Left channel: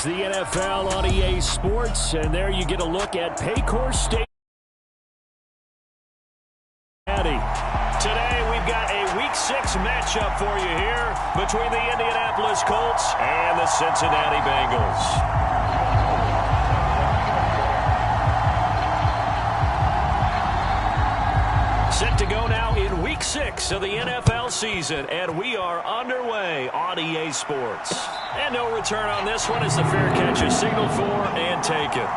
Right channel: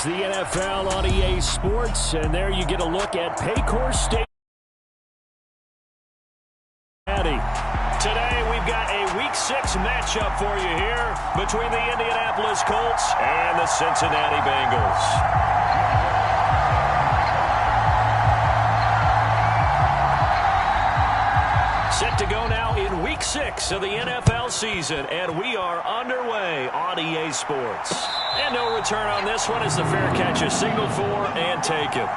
It's the NFL on EA Sports, and there you get a look at Paycor Stadium. Today, we've got a Week 6 matchup for you here between the Indianapolis Colts and the Cincinnati Bengals. Set to go now in Week 6 of the NFL season, and we are underway on EA Sports. And no return on this one as the fair catch is signaled for and taken.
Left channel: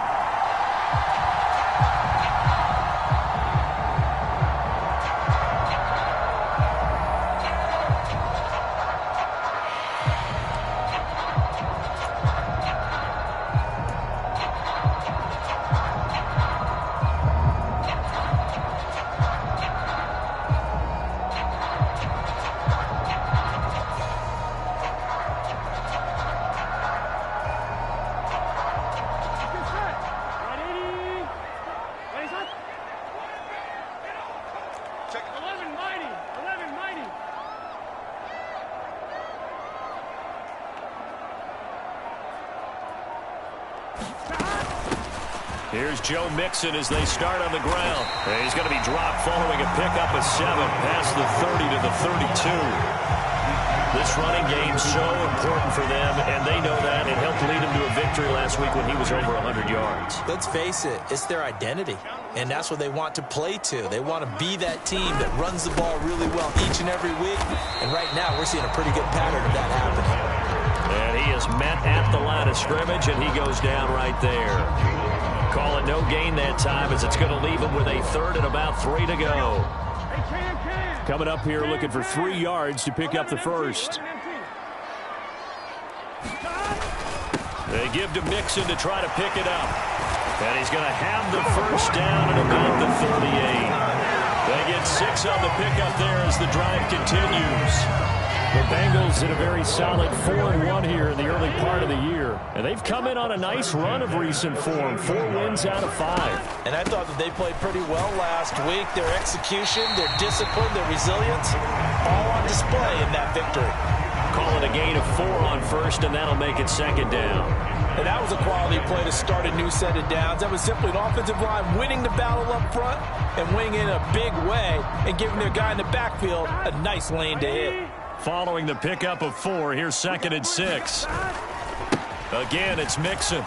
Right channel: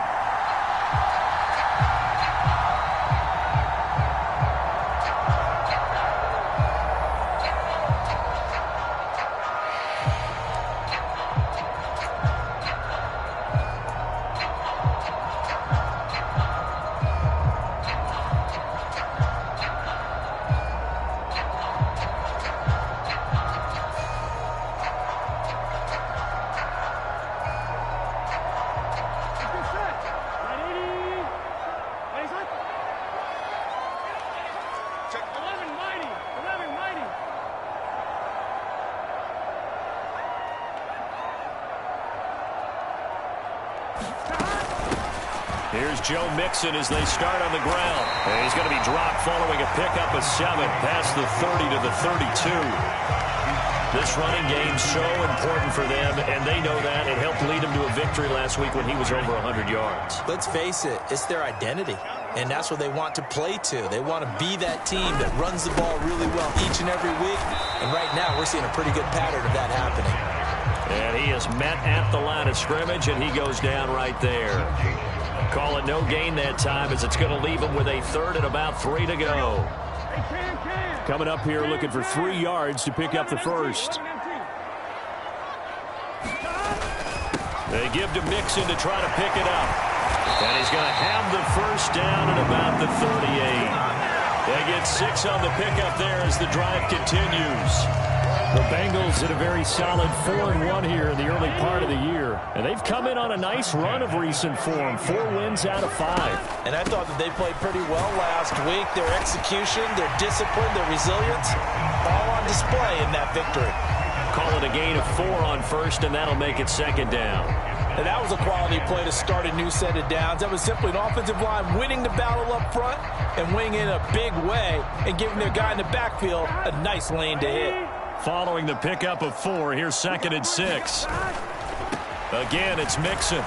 Here's Joe Mixon as they start on the ground. And he's going to be dropped following a pickup of 7 past the 30 to the 32. This running game so important for them, and they know that. It helped lead him to a victory last week when he was over 100 yards. Let's face it, it's their identity, and that's what they want to play to. They want to be that team that runs the ball really well each and every week, and right now we're seeing a pretty good pattern of that happening. And he is met at the line of scrimmage, and he goes down right there. Call it no gain that time as it's going to leave him with a third and about 3 to go. Coming up here looking for 3 yards to pick up the first. They give to Mixon to try to pick it up. And he's going to have the first down at about the 38. They get 6 on the pickup there as the drive continues. The Bengals in a very solid 4-1 here in the early part of the year. And they've come in on a nice run of recent form. 4 wins out of 5. And I thought that they played pretty well last week. Their execution, their discipline, their resilience, all on display in that victory. Call it a gain of 4 on first, and that'll make it second down. And that was a quality play to start a new set of downs. That was simply an offensive line winning the battle up front and winning in a big way and giving their guy in the backfield a nice lane to hit. Following the pickup of 4, here's 2nd and 6. Again, it's Mixon.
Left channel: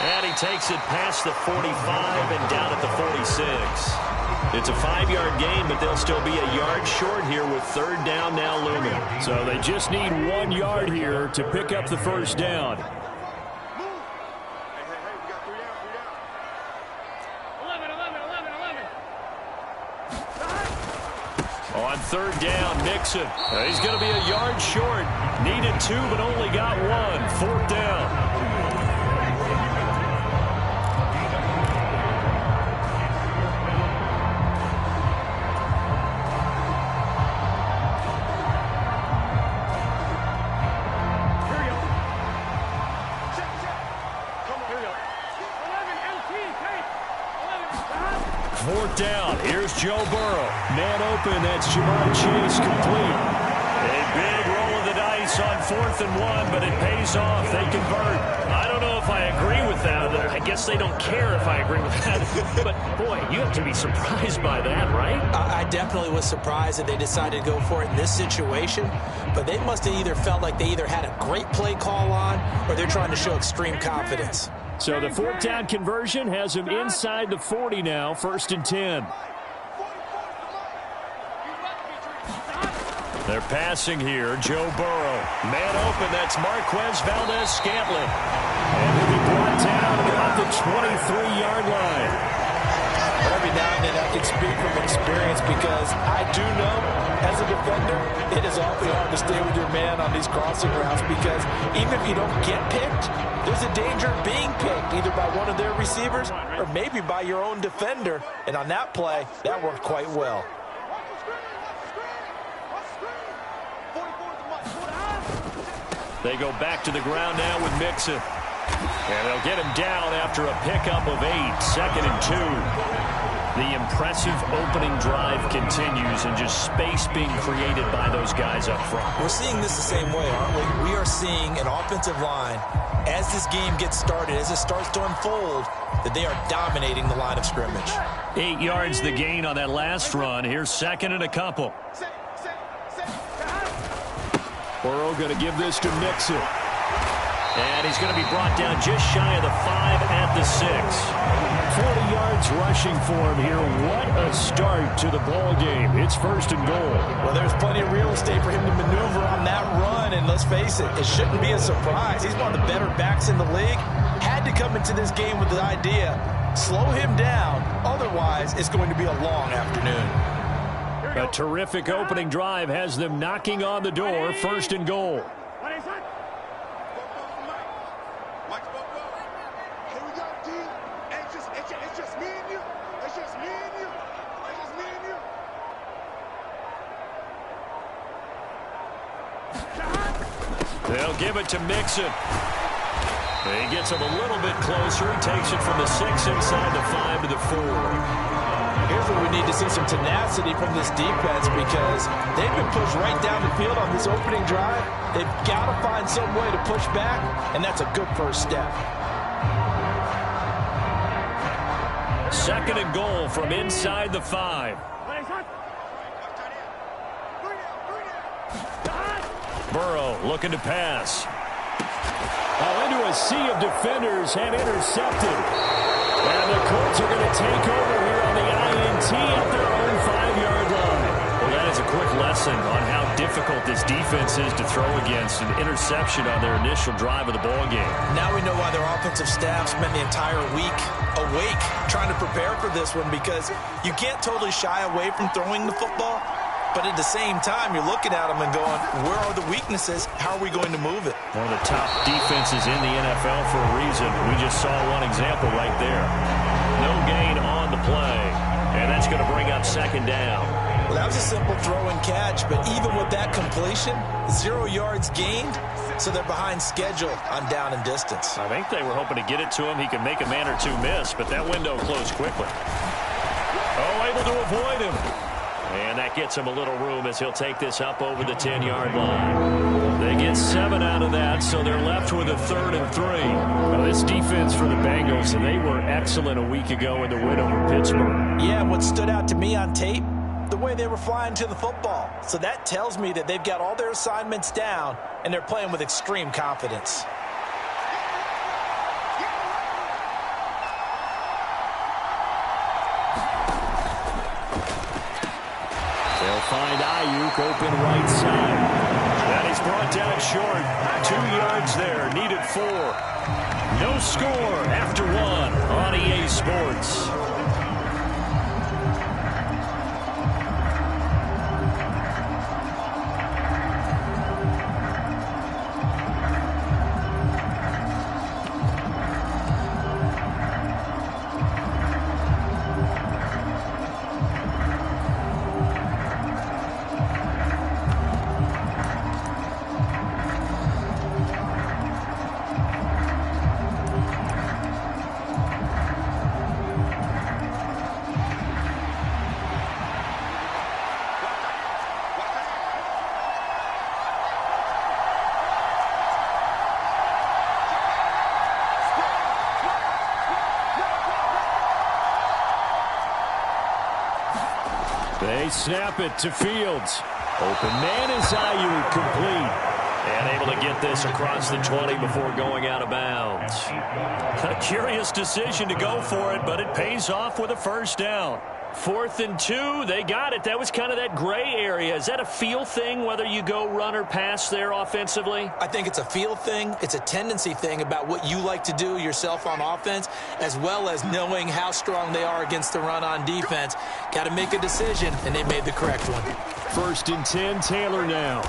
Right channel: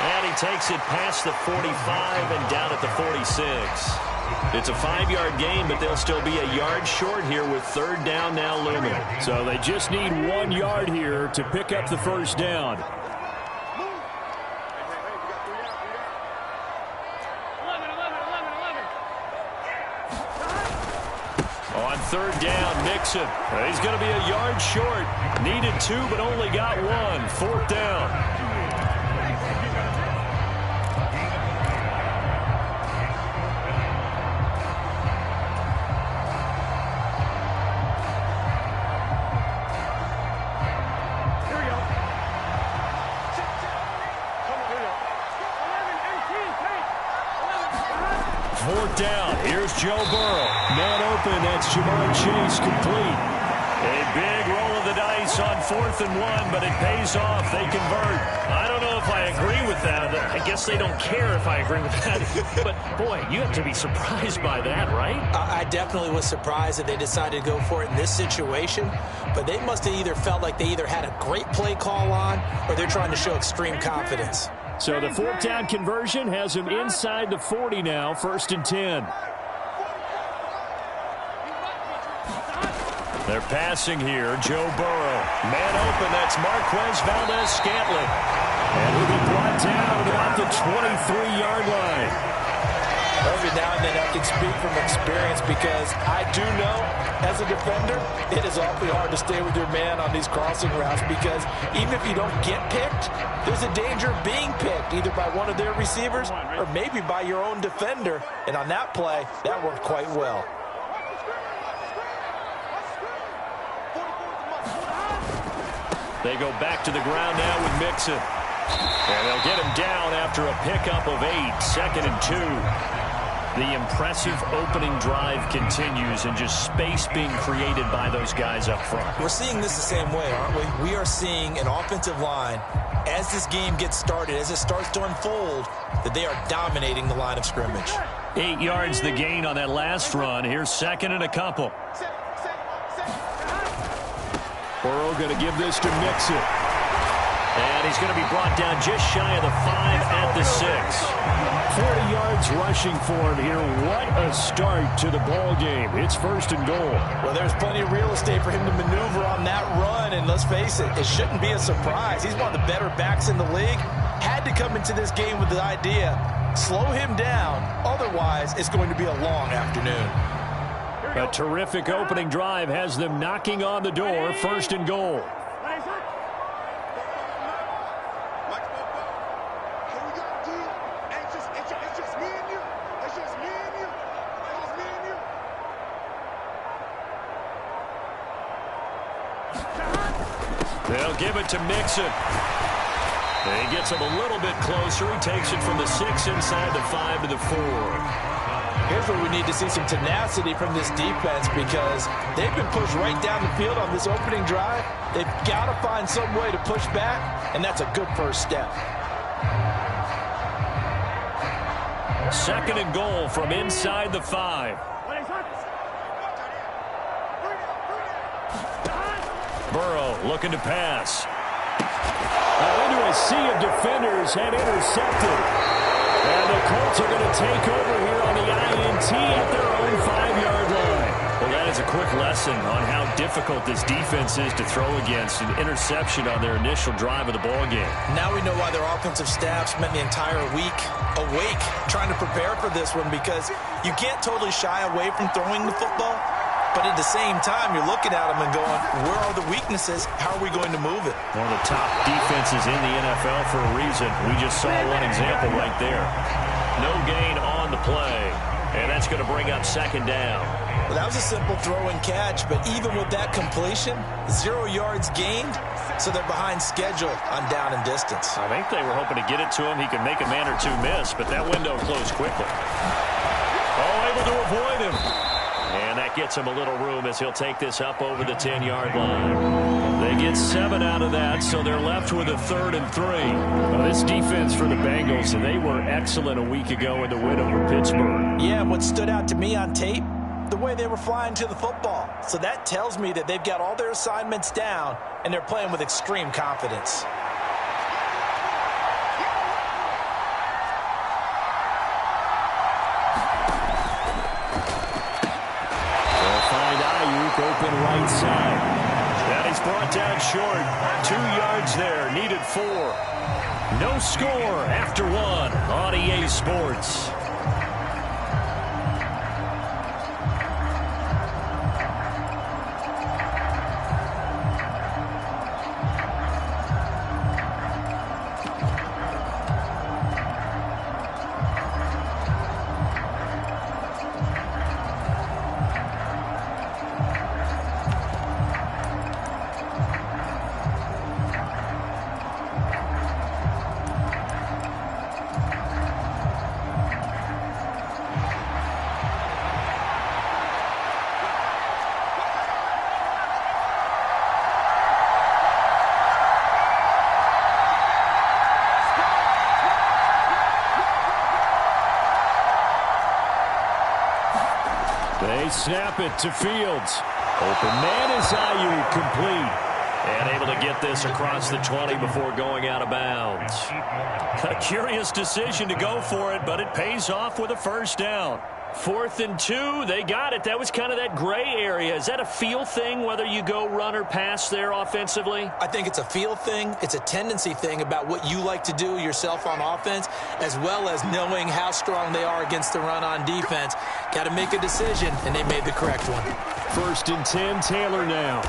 And he takes it past the 45 and down at the 46. It's a 5-yard gain, but they'll still be a yard short here with 3rd down now looming. So they just need 1 yard here to pick up the first down. On 3rd down, Mixon. He's going to be a yard short. Needed 2, but only got 1. 4th down. Here we go. Check. Come on. Here we go. 11 MT, take. 11. 4th down. Here's Joe Burrow. Man open. That's Jamar Chase complete. A big roll of the dice on 4th and 1, but it pays off. They convert. I don't know if I agree with that. I guess they don't care if I agree with that. But, boy, you have to be surprised by that, right? I definitely was surprised that they decided to go for it in this situation. But they must have either felt like they either had a great play call on or they're trying to show extreme confidence. So the 4th down conversion has him inside the 40 now, 1st and 10. They're passing here. Joe Burrow. Man open. That's Marquez Valdez-Scantling. And he'll be brought down at about the 23-yard line. Every now and then I can speak from experience because I do know as a defender it is awfully hard to stay with your man on these crossing routes because even if you don't get picked, there's a danger of being picked either by one of their receivers or maybe by your own defender. And on that play, that worked quite well. They go back to the ground now with Mixon. And they'll get him down after a pickup of 8. 2nd and 2. The impressive opening drive continues and just space being created by those guys up front. We're seeing this the same way, aren't we? We are seeing an offensive line, as this game gets started, as it starts to unfold, that they are dominating the line of scrimmage. 8 yards the gain on that last run. Here's second and a couple. Burrow going to give this to Mixon. And he's going to be brought down just shy of the 5 at the 6. 40 yards rushing for him here. What a start to the ball game. It's first and goal. Well, there's plenty of real estate for him to maneuver on that run, and let's face it, it shouldn't be a surprise. He's one of the better backs in the league. Had to come into this game with the idea, slow him down, otherwise it's going to be a long afternoon. A terrific opening drive has them knocking on the door. First and goal. They'll give it to Mixon. He gets him a little bit closer. He takes it from the 6 inside the 5 to the 4. Here's where we need to see some tenacity from this defense, because they've been pushed right down the field on this opening drive. They've got to find some way to push back, and that's a good first step. Second and goal from inside the 5. Burrow looking to pass. Into a sea of defenders and intercepted. And the Colts are going to take over here on the INT at their own 5-yard line. Well, that is a quick lesson on how difficult this defense is to throw against. An interception on their initial drive of the ball game. Now we know why their offensive staff spent the entire week awake trying to prepare for this one, because you can't totally shy away from throwing the football. But at the same time, you're looking at them and going, where are the weaknesses? How are we going to move it? One of the top defenses in the NFL for a reason. We just saw one example right there. No gain on the play. And that's going to bring up second down. Well, that was a simple throw and catch, but even with that completion, 0 yards gained, so they're behind schedule on down and distance. I think they were hoping to get it to him. He could make a man or two miss, but that window closed quickly. Oh, able to avoid him. And that gets him a little room as he'll take this up over the 10-yard line. They get 7 out of that, so they're left with a 3rd and 3. Well, this defense for the Bengals, and they were excellent a week ago in the win over Pittsburgh. Yeah, what stood out to me on tape, the way they were flying to the football. So that tells me that they've got all their assignments down, and they're playing with extreme confidence. Find Ayuk open right side. And he's brought down short. 2 yards there. Needed 4. No score after 1 on EA Sports. They snap it to Fields. Open man is Ayuk, complete. And able to get this across the 20 before going out of bounds. A curious decision to go for it, but it pays off with a first down. 4th and 2, they got it. That was kind of that gray area. Is that a feel thing, whether you go run or pass there offensively? I think it's a feel thing. It's a tendency thing about what you like to do yourself on offense, as well as knowing how strong they are against the run on defense. Got to make a decision, and they made the correct one. 1st and 10, Taylor now.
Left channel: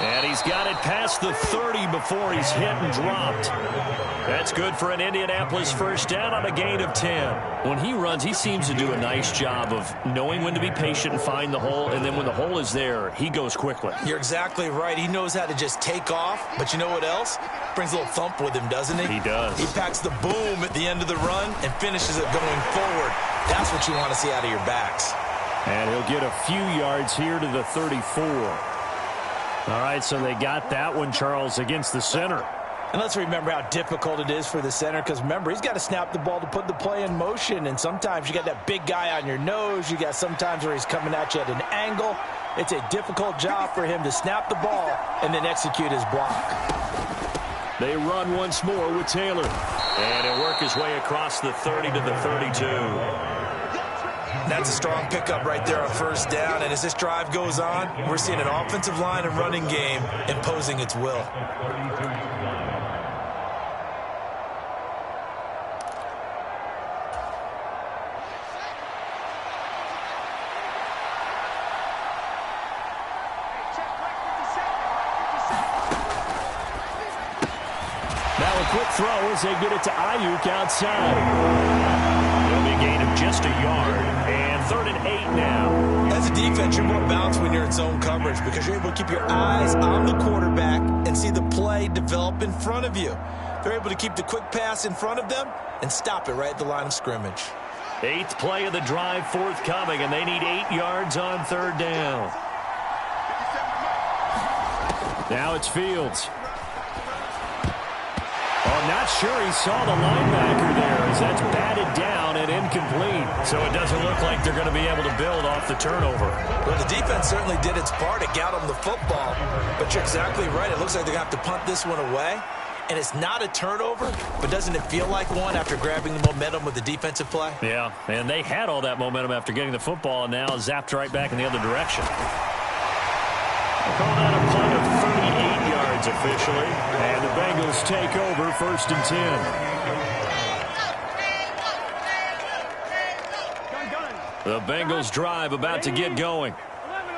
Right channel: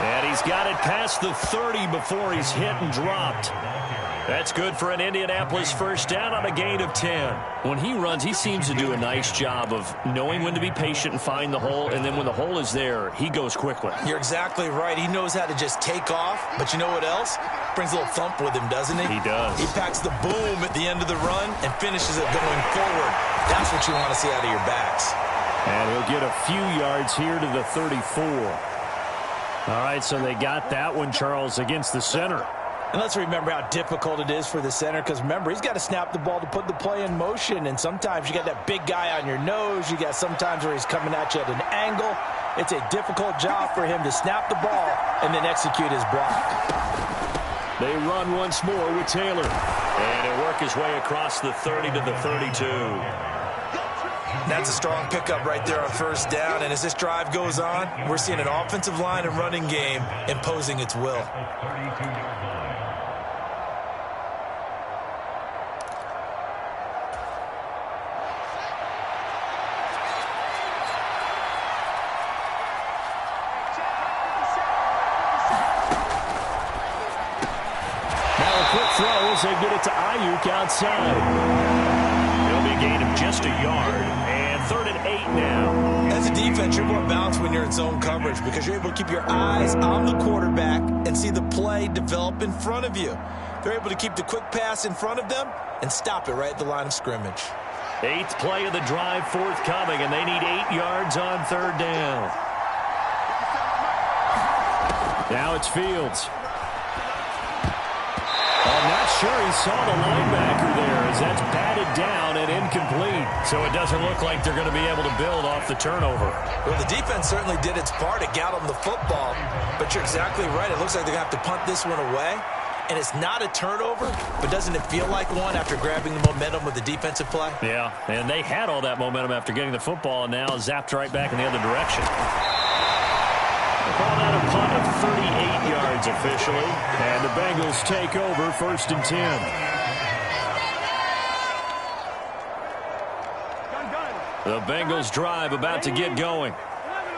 And he's got it past the 30 before he's hit and dropped. That's good for an Indianapolis first down on a gain of 10. When he runs, he seems to do a nice job of knowing when to be patient and find the hole, and then when the hole is there, he goes quickly. You're exactly right. He knows how to just take off, but you know what else? Brings a little thump with him, doesn't he? He does. He packs the boom at the end of the run and finishes it going forward. That's what you want to see out of your backs. And he'll get a few yards here to the 34. All right, so they got that one, Charles, against the center. And let's remember how difficult it is for the center, because remember, he's got to snap the ball to put the play in motion, and sometimes you got that big guy on your nose. You got sometimes where he's coming at you at an angle. It's a difficult job for him to snap the ball and then execute his block. They run once more with Taylor. And he'll work his way across the 30 to the 32. That's a strong pickup right there on first down, and as this drive goes on, we're seeing an offensive line and running game imposing its will. Now a quick throw as they get it to Ayuk outside. It'll be a gain of just a yard, and 3rd and 8 now. As a defense, you're more balanced when you're in zone coverage because you're able to keep your eyes on the quarterback and see the play develop in front of you. They're able to keep the quick pass in front of them and stop it right at the line of scrimmage. 8th play of the drive forthcoming, and they need 8 yards on 3rd down. Now it's Fields. Oh, not sure he saw the linebacker there as that's batted down and incomplete. So it doesn't look like they're going to be able to build off the turnover. Well, the defense certainly did its part. It got them the football. But you're exactly right. It looks like they're going to have to punt this one away. And it's not a turnover, but doesn't it feel like one after grabbing the momentum with the defensive play? Yeah, and they had all that momentum after getting the football and now zapped right back in the other direction. Call that a punt of 38 yards officially. And the Bengals take over 1st and 10. The Bengals drive about to get going.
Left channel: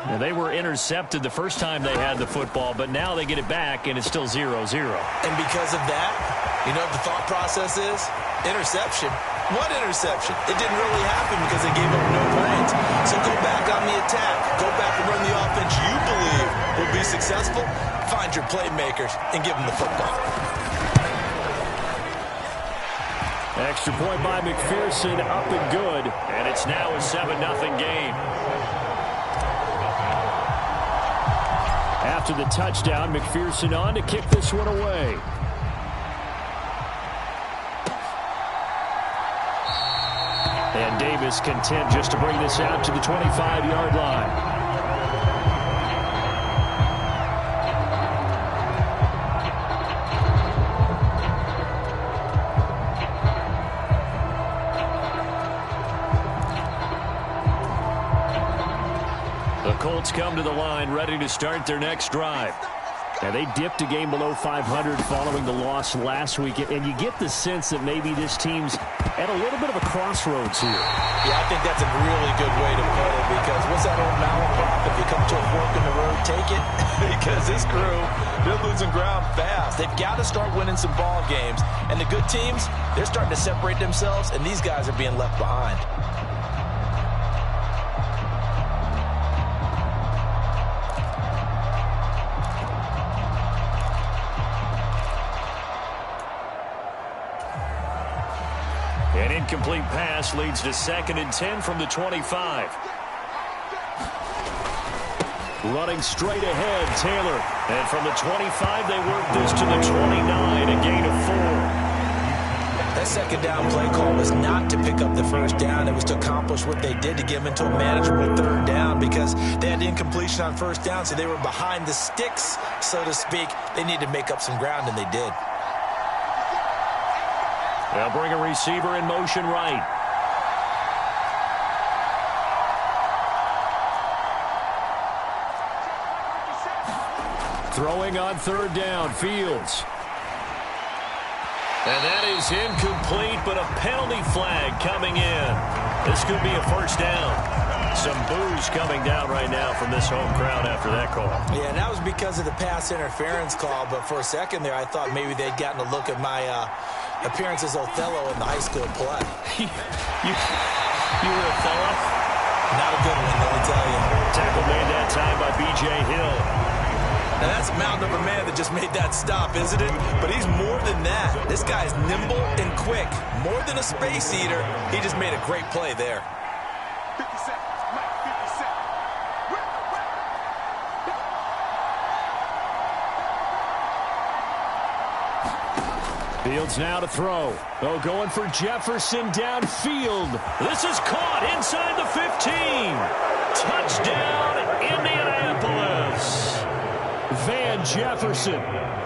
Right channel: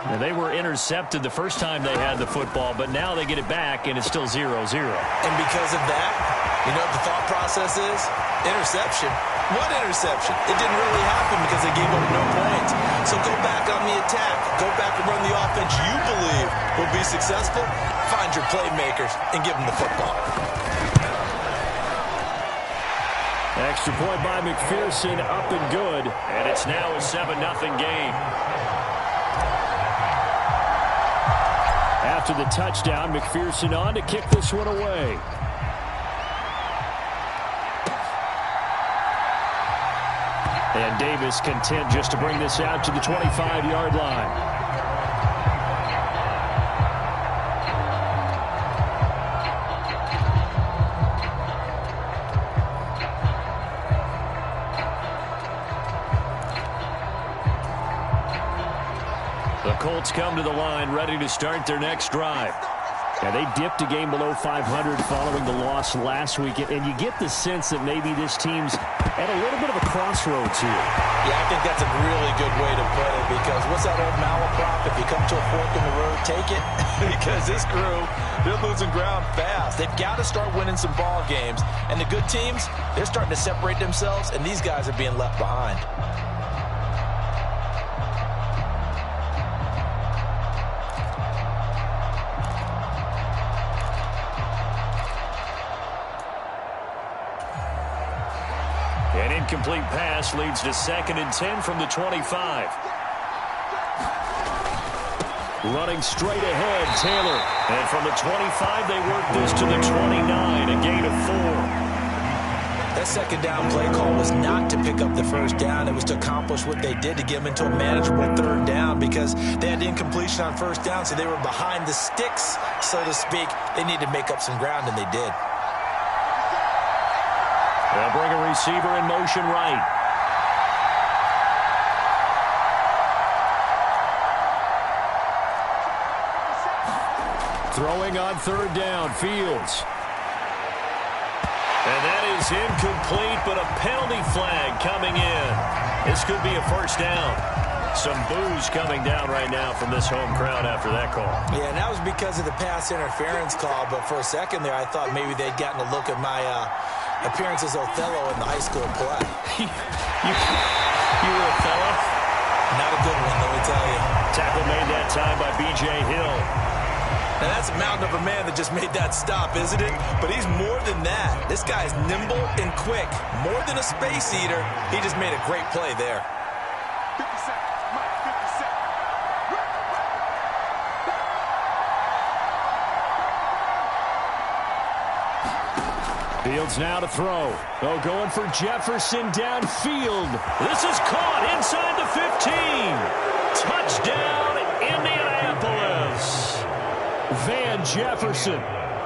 Now, they were intercepted the first time they had the football, but now they get it back, and it's still 0-0. And because of that, you know what the thought process is? Interception. What interception? It didn't really happen because they gave up no points. So go back on the attack. Go back and run the offense you believe will be successful. Find your playmakers and give them the football. Extra point by McPherson, up and good. And it's now a 7-0 game. After the touchdown, McPherson on to kick this one away. And Davis content just to bring this out to the 25-yard line. The Colts come to the line ready to start their next drive. Now, they dipped a game below 500 following the loss last week, and you get the sense that maybe this team's at a little bit of a crossroads here. Yeah, I think that's a really good way to put it because what's that old malaprop? If you come to a fork in the road, take it. Because this crew, they're losing ground fast. They've got to start winning some ball games. And the good teams, they're starting to separate themselves, and these guys are being left behind. An incomplete pass leads to 2nd and 10 from the 25. Running straight ahead, Taylor. And from the 25, they work this to the 29, a gain of 4. That second down play call was not to pick up the first down. It was to accomplish what they did to get them into a manageable 3rd down because they had incompletion on first down, so they were behind the sticks, so to speak. They needed to make up some ground, and they did. They'll bring a receiver in motion right. Throwing on 3rd down, Fields. And that is incomplete, but a penalty flag coming in. This could be a first down. Some boos coming down right now from this home crowd after that call. Yeah, and that was because of the pass interference call, but for a second there I thought maybe they'd gotten a look at my appearance as Othello in the high school play. you were Othello? Not a good one, let me tell you. Tackle made that time by B.J. Hill. Now, that's a mountain of a man that just made that stop, isn't it? But he's more than that. This guy's nimble and quick. More than a space eater. He just made a great play there. 50 seconds. Mike, 50 seconds. Fields now to throw. Oh, going for Jefferson downfield. This is caught inside the 15. Touchdown, Indianapolis. Van Jefferson,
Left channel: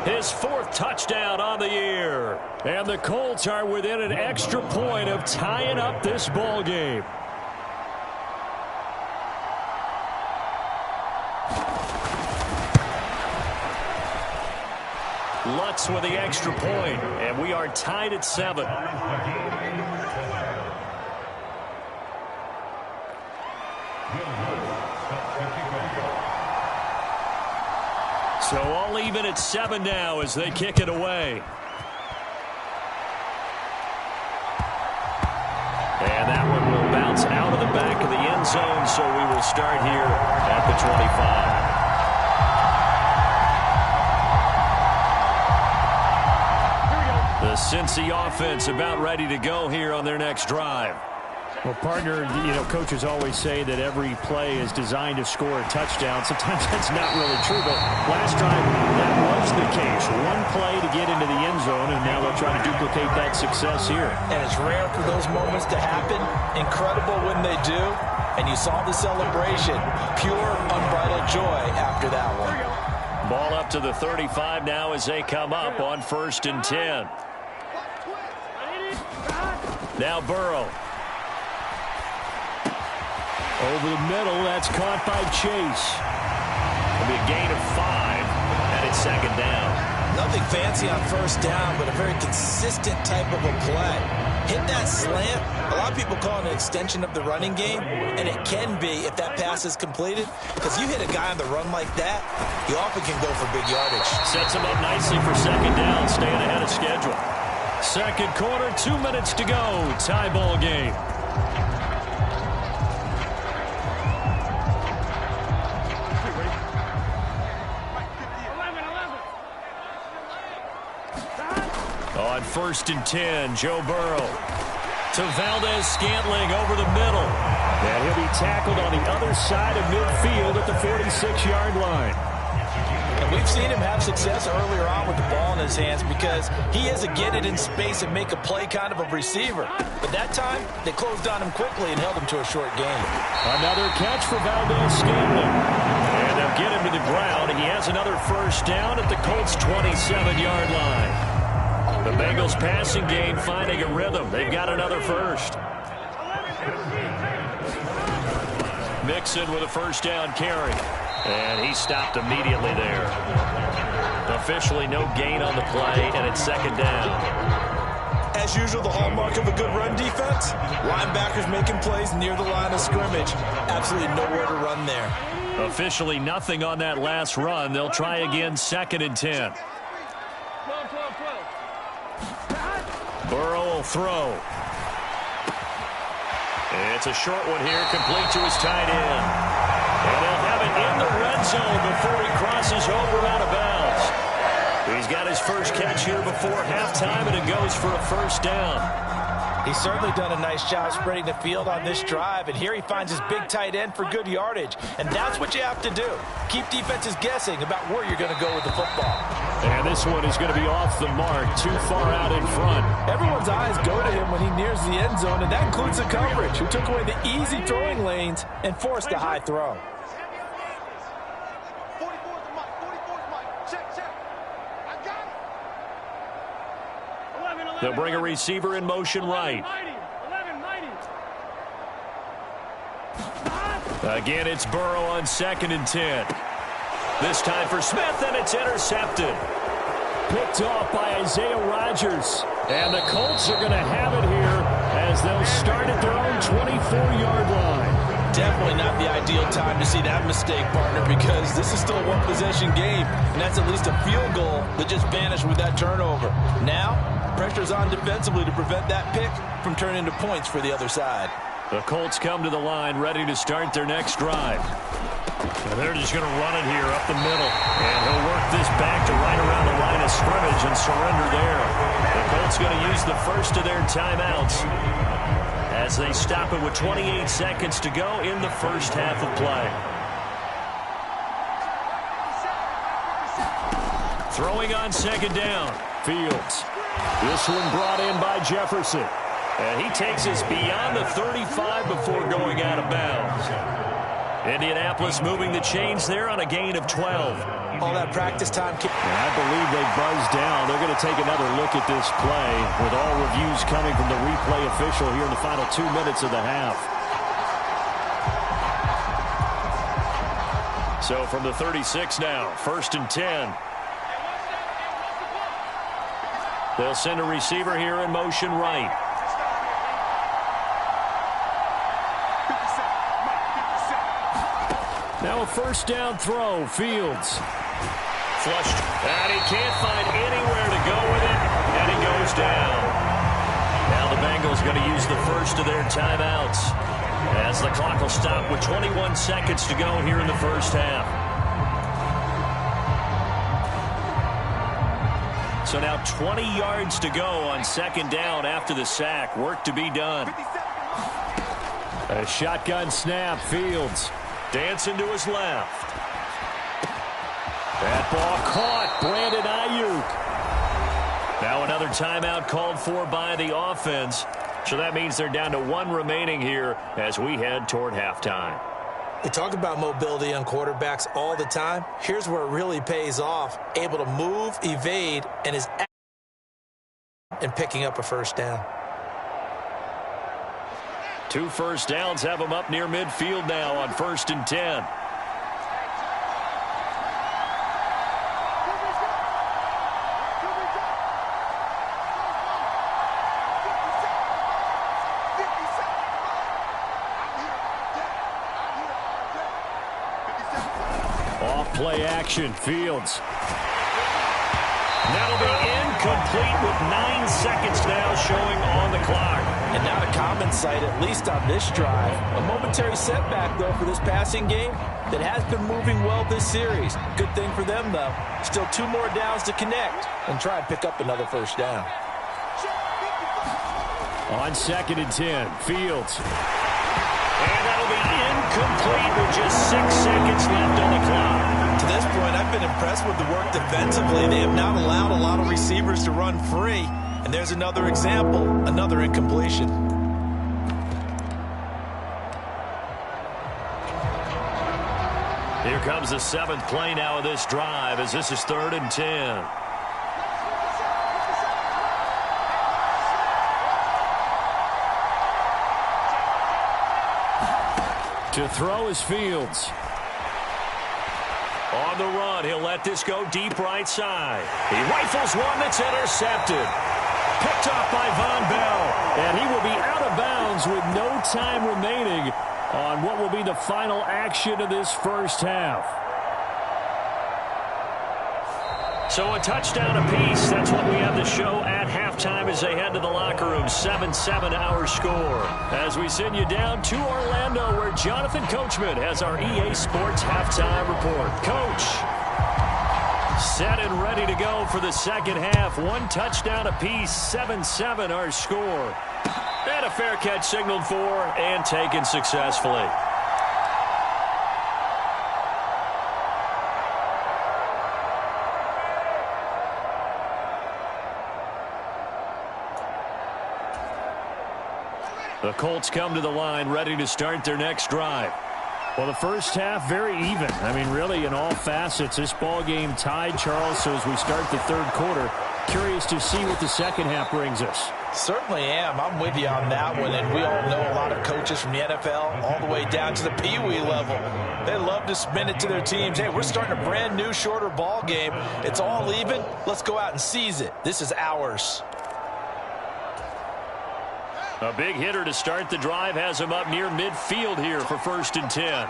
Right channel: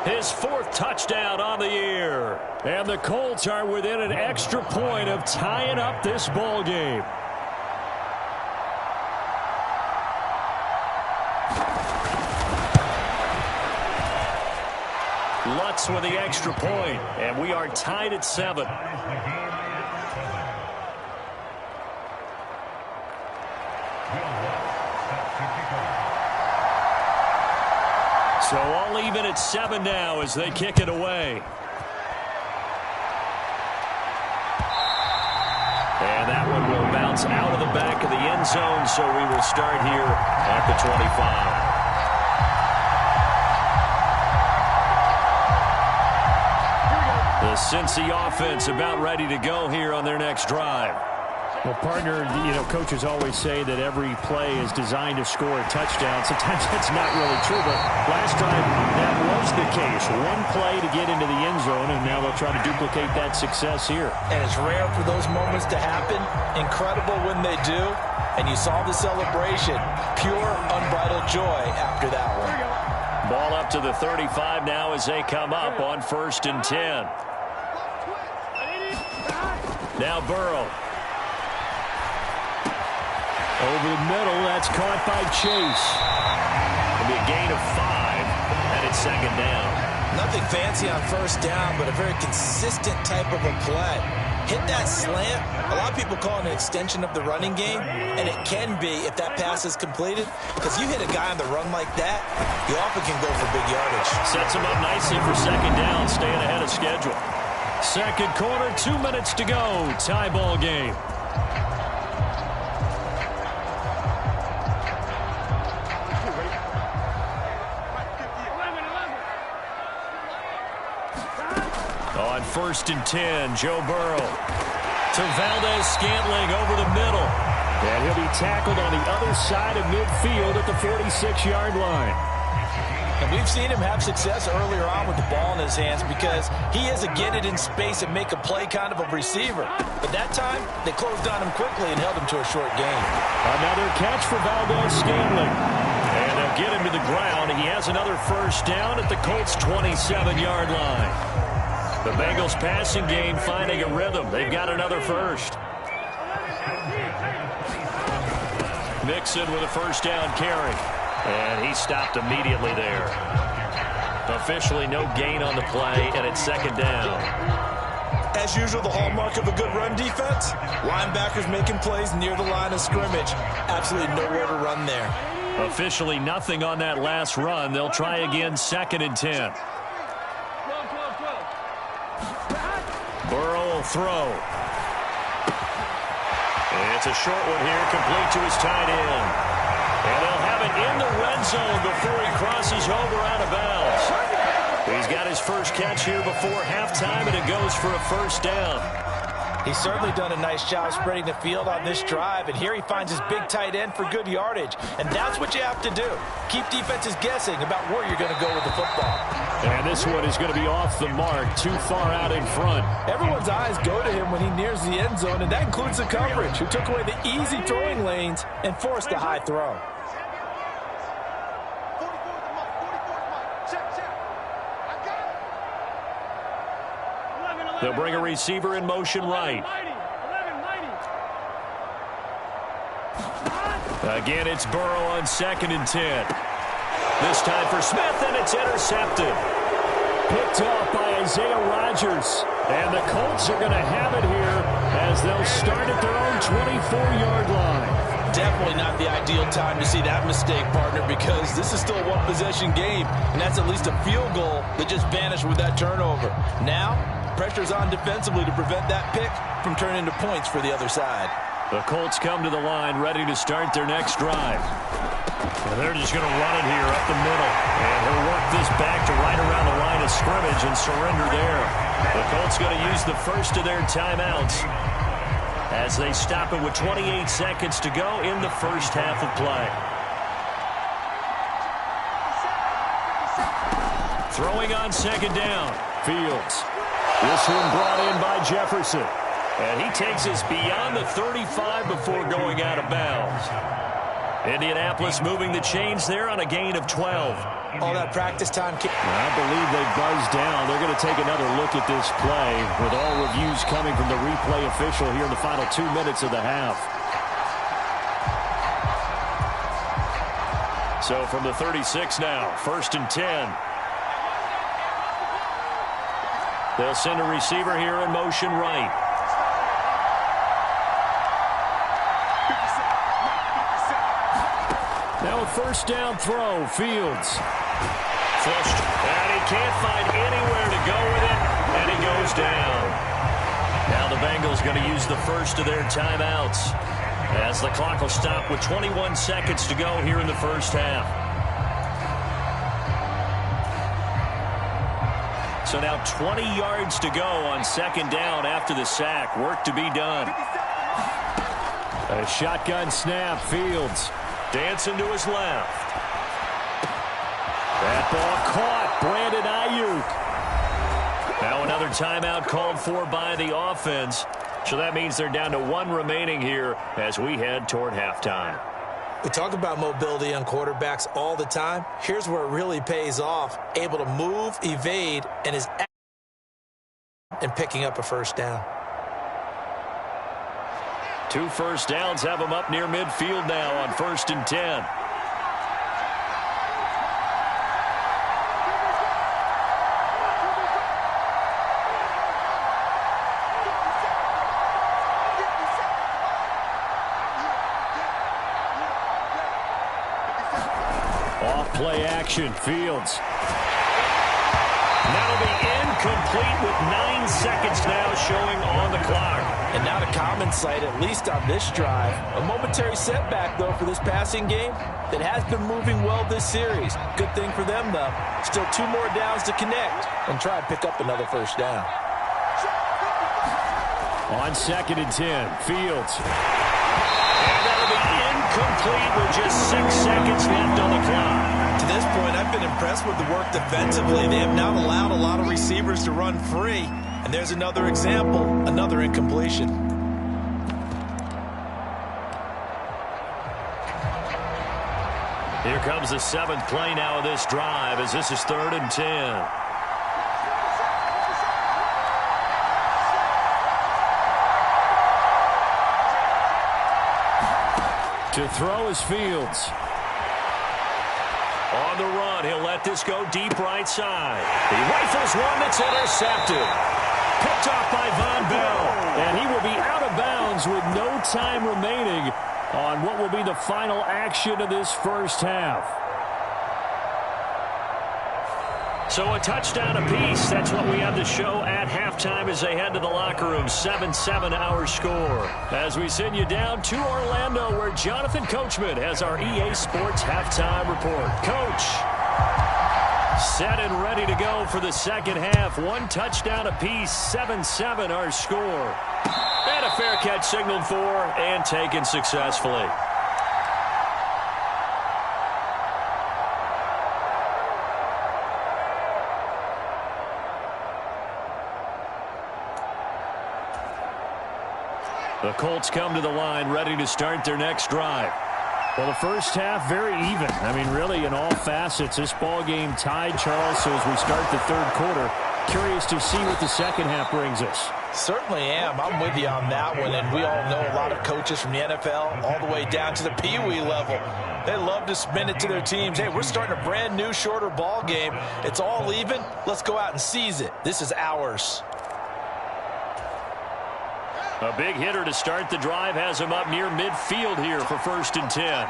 his 4th touchdown on the year. And the Colts are within an extra point of tying up this ball game. Lutz with the extra point, and we are tied at 7. So all even at 7 now as they kick it away. And that one will bounce out of the back of the end zone, so we will start here at the 25. The Cincy offense about ready to go here on their next drive. Well, partner, coaches always say that every play is designed to score a touchdown. Sometimes that's not really true, but last drive that was the case. One play to get into the end zone, and now they'll try to duplicate that success here. And it's rare for those moments to happen. Incredible when they do. And you saw the celebration. Pure, unbridled joy after that one. Ball up to the 35 now as they come up on 1st and 10. Now Burrow. Over the middle, that's caught by Chase. It'll be a gain of 5, and it's 2nd down. Nothing fancy on 1st down, but a very consistent type of a play. Hit that slant. A lot of people call it an extension of the running game, and it can be if that pass is completed, because you hit a guy on the run like that, you often can go for big yardage. Sets him up nicely for 2nd down, staying ahead of schedule. 2nd quarter, 2 minutes to go. Tie ball game. On 1st and 10, Joe Burrow to Valdez-Scantling over the middle. And he'll be tackled on the other side of midfield at the 46-yard line. And we've seen him have success earlier on with the ball in his hands because he is a get it in space and make a play kind of a receiver. But that time, they closed on him quickly and held him to a short gain. Another catch for Valdez-Scantling. And they'll get him to the ground. He has another 1st down at the Colts' 27-yard line. The Bengals passing game finding a rhythm. They've got another 1st. Mixon with a 1st down carry. And he stopped immediately there. Officially no gain on the play, and it's 2nd down. As usual, the hallmark of a good run defense, linebackers making plays near the line of scrimmage. Absolutely nowhere to run there. Officially nothing on that last run. They'll try again 2nd and 10. Burrow will throw. It's a short one here, complete to his tight end. And they'll have it in the red zone before he crosses over out of bounds. He's got his first catch here before halftime, and it goes for a 1st down. He's certainly done a nice job spreading the field on this drive, and here he finds his big tight end for good yardage. And that's what you have to do. Keep defenses guessing about where you're going to go with the football. And this one is going to be off the mark, too far out in front. Everyone's eyes go to him when he nears the end zone, and that includes the coverage, who took away the easy throwing lanes and forced a high throw. They'll bring a receiver in motion right. Again, it's Burrow on 2nd and 10. This time for Smith, and it's intercepted. Picked off by Isaiah Rodgers. And the Colts are going to have it here as they'll start at their own 24-yard line. Definitely not the ideal time to see that mistake, partner, because this is still a one-possession game, and that's at least a field goal that just vanished with that turnover. Now, pressure's on defensively to prevent that pick from turning into points for the other side. The Colts come to the line ready to start their next drive. And they're just going to run it here up the middle. And he'll work this back to right around the line of scrimmage and surrender there. The Colts going to use the first of their timeouts as they stop it with 28 seconds to go in the first half of play. Throwing on second down, Fields. This one brought in by Jefferson. And he takes us beyond the 35 before going out of bounds. Indianapolis moving the chains there on a gain of 12. All that practice time. I believe they buzzed down. They're going to take another look at this play with all reviews coming from the replay official here in the final 2 minutes of the half. So from the 36 now, 1st and 10. They'll send a receiver here in motion right. Now a first down throw, Fields. Flushed, and he can't find anywhere to go with it, and he goes down. Now the Bengals going to use the first of their timeouts as the clock will stop with 21 seconds to go here in the first half. So now 20 yards to go on second down after the sack. Work to be done. A shotgun snap, Fields. Dancing to his left. That ball caught. Brandon Ayuk. Now another timeout called for by the offense. So that means they're down to 1 remaining here as we head toward halftime. We talk about mobility on quarterbacks all the time. Here's where it really pays off. Able to move, evade, and is picking up a first down. 2 first downs have them up near midfield now on 1st and 10. Off play action, Fields. That'll be incomplete with 9 seconds now showing on the clock. And not a common sight, at least on this drive. A momentary setback, though, for this passing game that has been moving well this series. Good thing for them, though. Still 2 more downs to connect and try and pick up another first down. On 2nd and 10, Fields. And that'll be incomplete with just 6 seconds left on the clock. To this point, I've been impressed with the work defensively. They have not allowed a lot of receivers to run free. And there's another example, another incompletion. Here comes the 7th play now of this drive as this is 3rd and 10. To throw is Fields. On the run, he'll let this go deep right side. He rifles one that's intercepted. Picked off by Von Bell. And he will be out of bounds with no time remaining on what will be the final action of this first half. So a touchdown apiece. That's what we have to show at halftime as they head to the locker room. 7-7 our score. As we send you down to Orlando where Jonathan Coachman has our EA Sports halftime report. Coach, set and ready to go for the second half. 1 touchdown apiece. 7-7 our score. And a fair catch signaled for and taken successfully. The Colts come to the line ready to start their next drive. Well, the first half, very even. I mean, really, in all facets, this ball game tied, Charles. So as we start the 3rd quarter, curious to see what the second half brings us. Certainly am. I'm with you on that one. And we all know a lot of coaches from the NFL all the way down to the Pee Wee level. They love to spin it to their teams. Hey, we're starting a brand new, shorter ball game. It's all even. Let's go out and seize it. This is ours. A big hitter to start the drive has him up near midfield here for 1st and 10.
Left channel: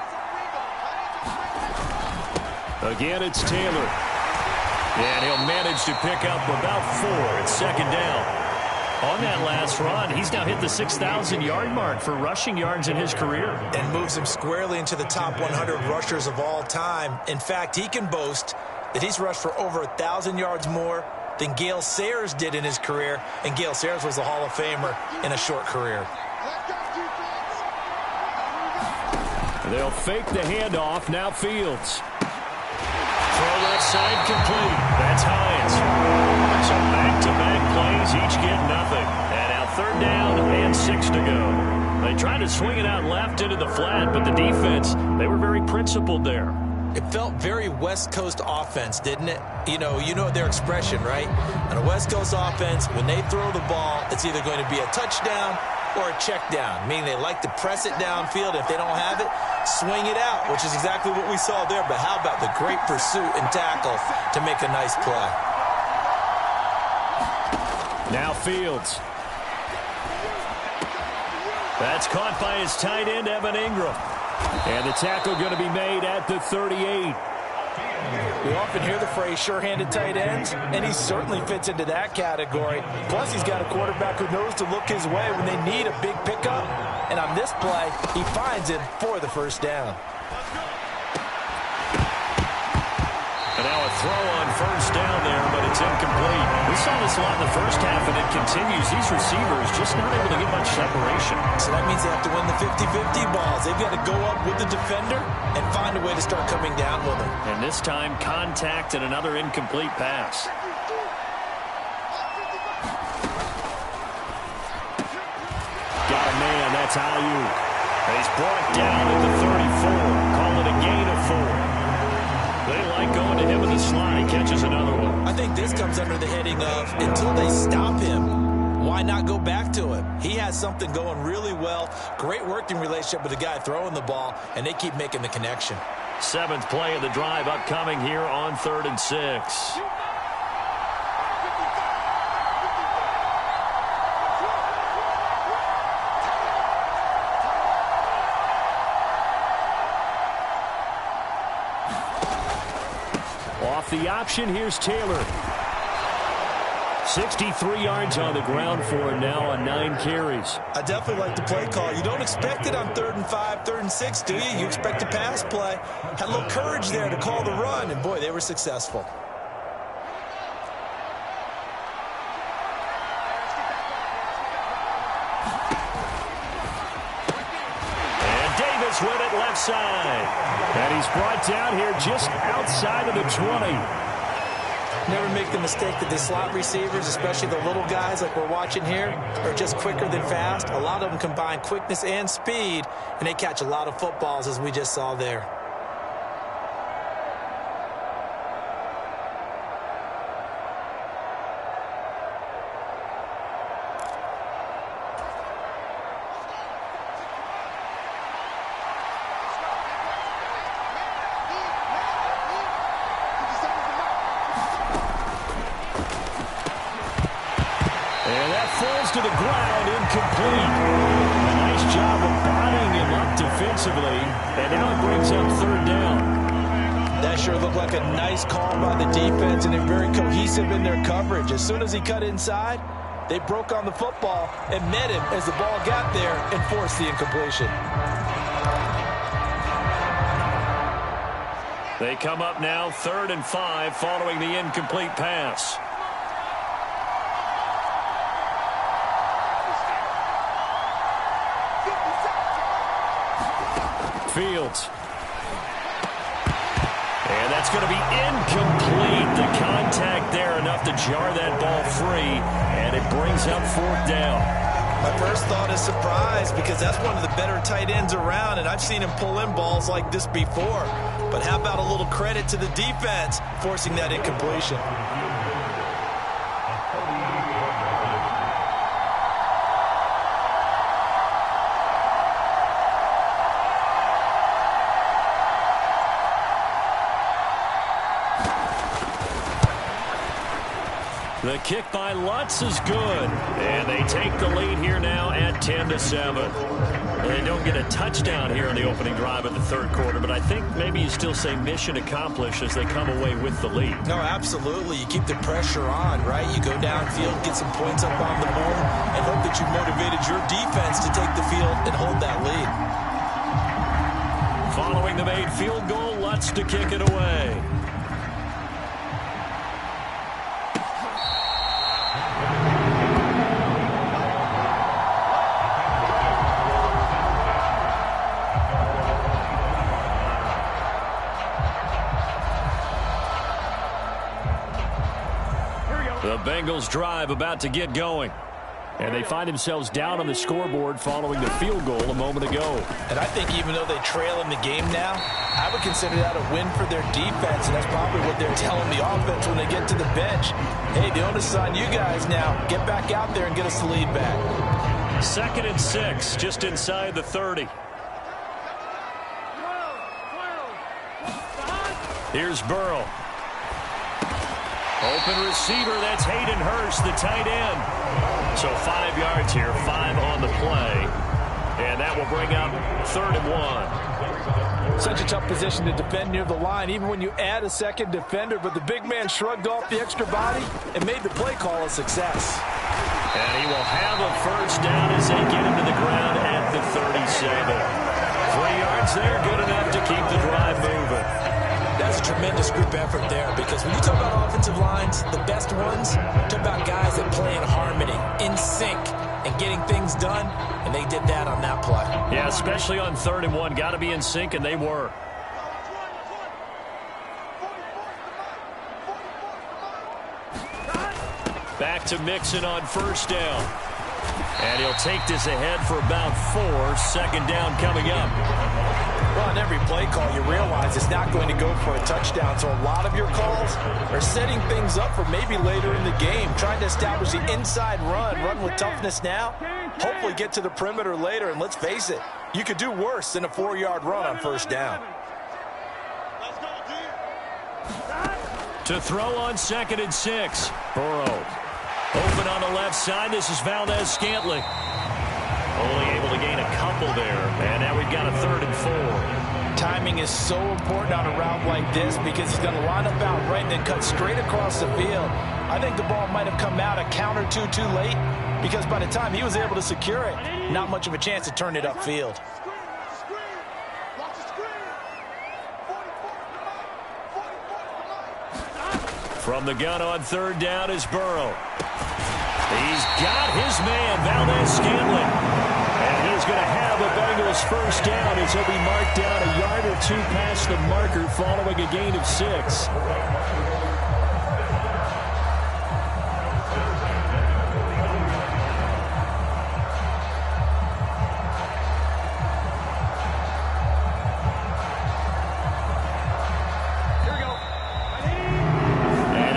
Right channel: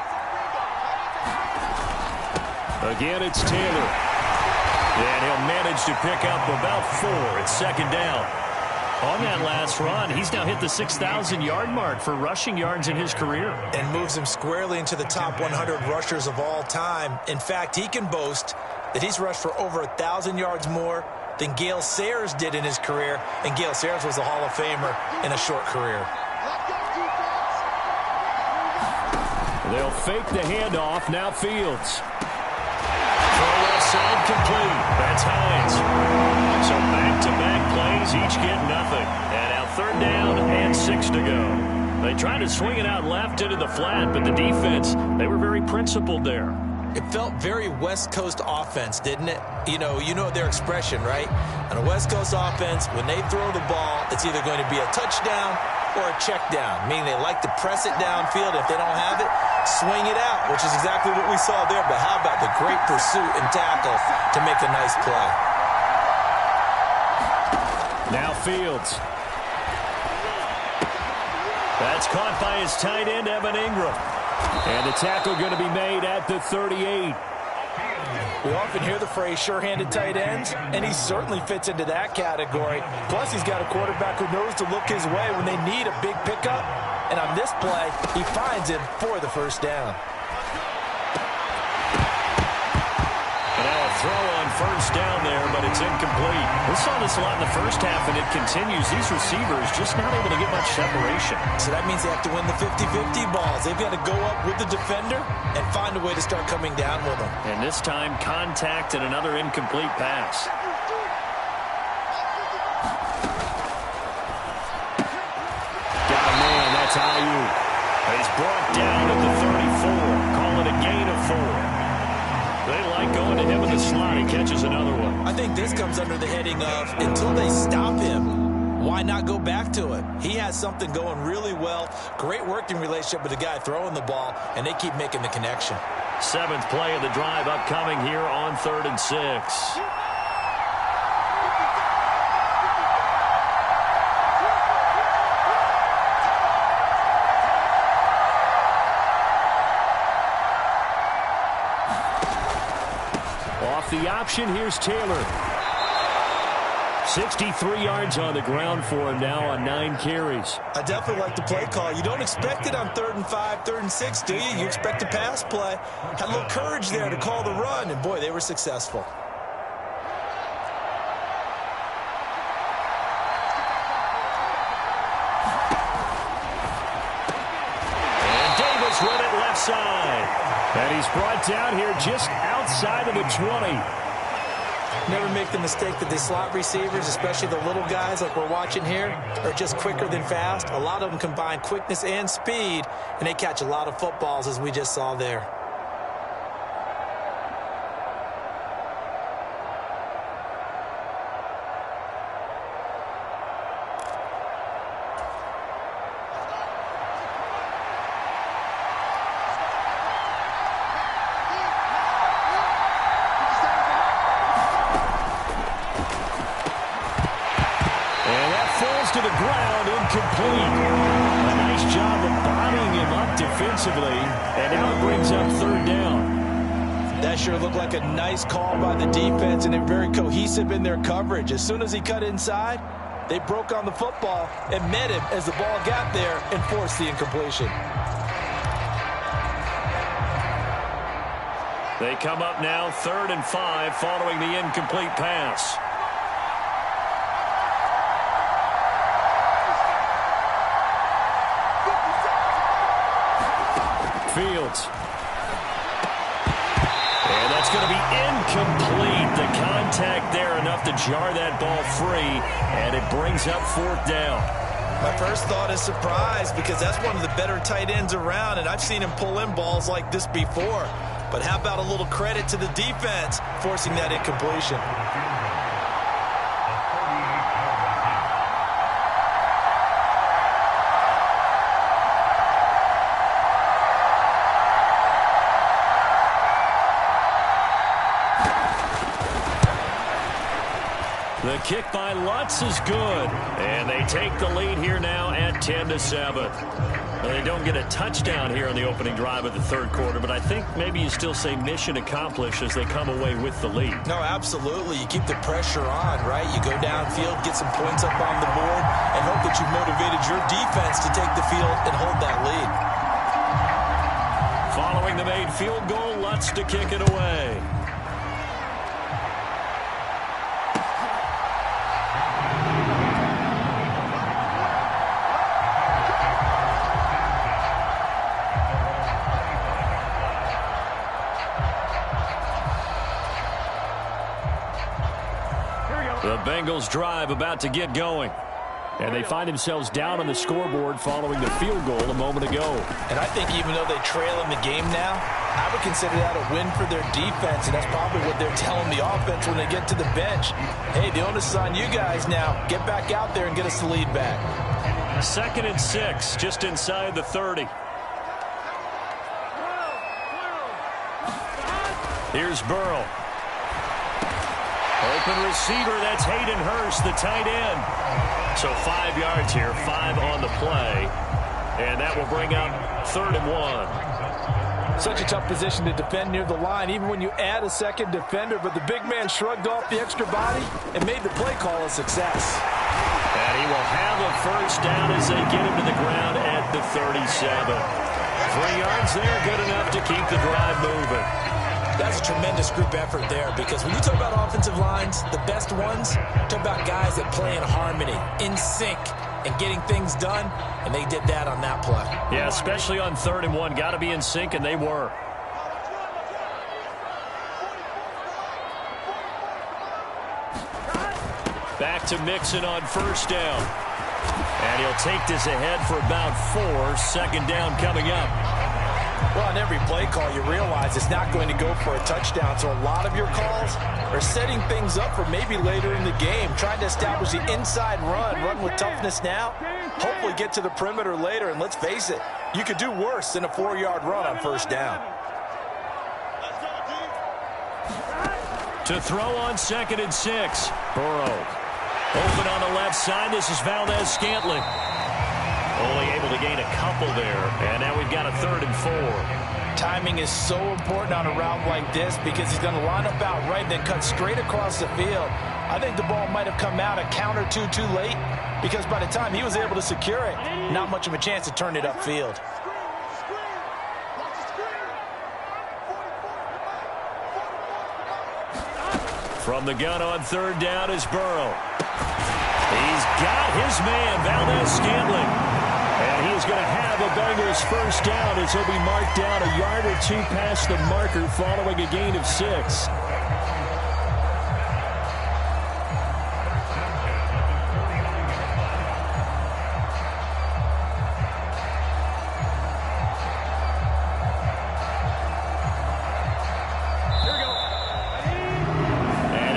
Again, it's Taylor. And he'll manage to pick up about 4. It's second down. On that last run, he's now hit the 6,000-yard mark for rushing yards in his career. And moves him squarely into the top 100 rushers of all time. In fact, he can boast that he's rushed for over 1,000 yards more than Gale Sayers did in his career. And Gale Sayers was a Hall of Famer in a short career. They'll fake the handoff. Now Fields. Throw left side complete. That's Hines. So back-to-back plays, each get nothing. And now third down and 6 to go. They tried to swing it out left into the flat, but the defense, they were very principled there. It felt very West Coast offense, didn't it? You know their expression, right? On a West Coast offense, when they throw the ball, it's either going to be a touchdown or a check down, meaning they like to press it downfield. If they don't have it, swing it out, which is exactly what we saw there. But how about the great pursuit and tackle to make a nice play? Now Fields. That's caught by his tight end, Evan Ingram. And the tackle going to be made at the 38. We often hear the phrase sure-handed tight ends, and he certainly fits into that category. Plus, he's got a quarterback who knows to look his way when they need a big pickup. And on this play, he finds him for the first down. And now a throw on first down there, but it's incomplete. We saw this a lot in the first half, and it continues. These receivers just not able to get much separation. So that means they have to win the 50-50 balls. They've got to go up with the defender and find a way to start coming down with them. And this time, contact and another incomplete pass. Got a man. That's Ayuk. He's brought down at the 34. Call it a gain of 4. They like going to him in the slot. He catches another one. I think this comes under the heading of, until they stop him, why not go back to him? He has something going really well. Great working relationship with the guy throwing the ball, and they keep making the connection. 7th play of the drive upcoming here on 3rd and 6. Off the option, here's Taylor. 63 yards on the ground for him now on 9 carries. I definitely like the play call. You don't expect it on 3rd and 5, 3rd and 6, do you? You expect a pass play. Had a little courage there to call the run, and boy, they were successful. And Davis with it left side. And he's brought down here just outside of the 20. Never make the mistake that the slot receivers, especially the little guys like we're watching here, are just quicker than fast. A lot of them combine quickness and speed, and they catch a lot of footballs, as we just saw there. Falls to the ground, incomplete. A nice job of bodying him up defensively, and now it brings up 3rd down. That sure looked like a nice call by the defense, and they're very cohesive in their coverage. As soon as he cut inside, they broke on the football and met him as the ball got there and forced the incompletion. They come up now 3rd and 5 following the incomplete pass. Fields. And that's going to be incomplete. The contact there enough to jar that ball free, and it brings up 4th down. My first thought is surprise, because that's one of the better tight ends around, and I've seen him pull in balls like this before. But how about a little credit to the defense forcing that incompletion? The kick by Lutz is good. And they take the lead here now at 10-7. Well, they don't get a touchdown here on the opening drive of the third quarter, but I think maybe you still say mission accomplished as they come away with the lead. No, absolutely. You keep the pressure on, right? You go downfield, get some points up on the board, and hope that you've motivated your defense to take the field and hold that lead. Following the made field goal, Lutz to kick it away. The Bengals drive about to get going. And they find themselves down on the scoreboard following the field goal a moment ago. And I think even though they trail in the game now, I would consider that a win for their defense, and that's probably what they're telling the offense when they get to the bench. Hey, the onus is on you guys now. Get back out there and get us the lead back. 2nd and 6, just inside the 30. Here's Burrow. Open receiver, that's Hayden Hurst, the tight end. So 5 yards here, 5 on the play. And that will bring up 3rd and 1. Such a tough position to defend near the line, even when you add a second defender. But the big man shrugged off the extra body and made the play call a success. And he will have a first down as they get him to the ground at the 37. 3 yards there, good enough to keep the drive moving. That's a tremendous group effort there, because when you talk about offensive lines, the best ones, talk about guys that play in harmony, in sync, and getting things done, and they did that on that play. Yeah, especially on 3rd and 1. Got to be in sync, and they were. Back to Mixon on 1st down. And he'll take this ahead for about 4. 2nd down coming up. Well, on every play call, you realize it's not going to go for a touchdown. So a lot of your calls are setting things up for maybe later in the game, trying to establish the inside run with toughness now, hopefully get to the perimeter later. And let's face it, you could do worse than a 4-yard run on 1st down. To throw on 2nd and 6. Burrow. Open on the left side. This is Valdez-Scantling. Only able to gain a couple there. And now we've got a 3rd and 4. Timing is so important on a route like this, because he's going to line up out right and then cut straight across the field. I think the ball might have come out a count or two too late, because by the time he was able to secure it, not much of a chance to turn it upfield. From the gun on 3rd down is Burrow. He's got his man, Valdez-Scantling. And he is going to have a Bengals first down as he'll be marked down a yard or 2 past the marker following a gain of 6.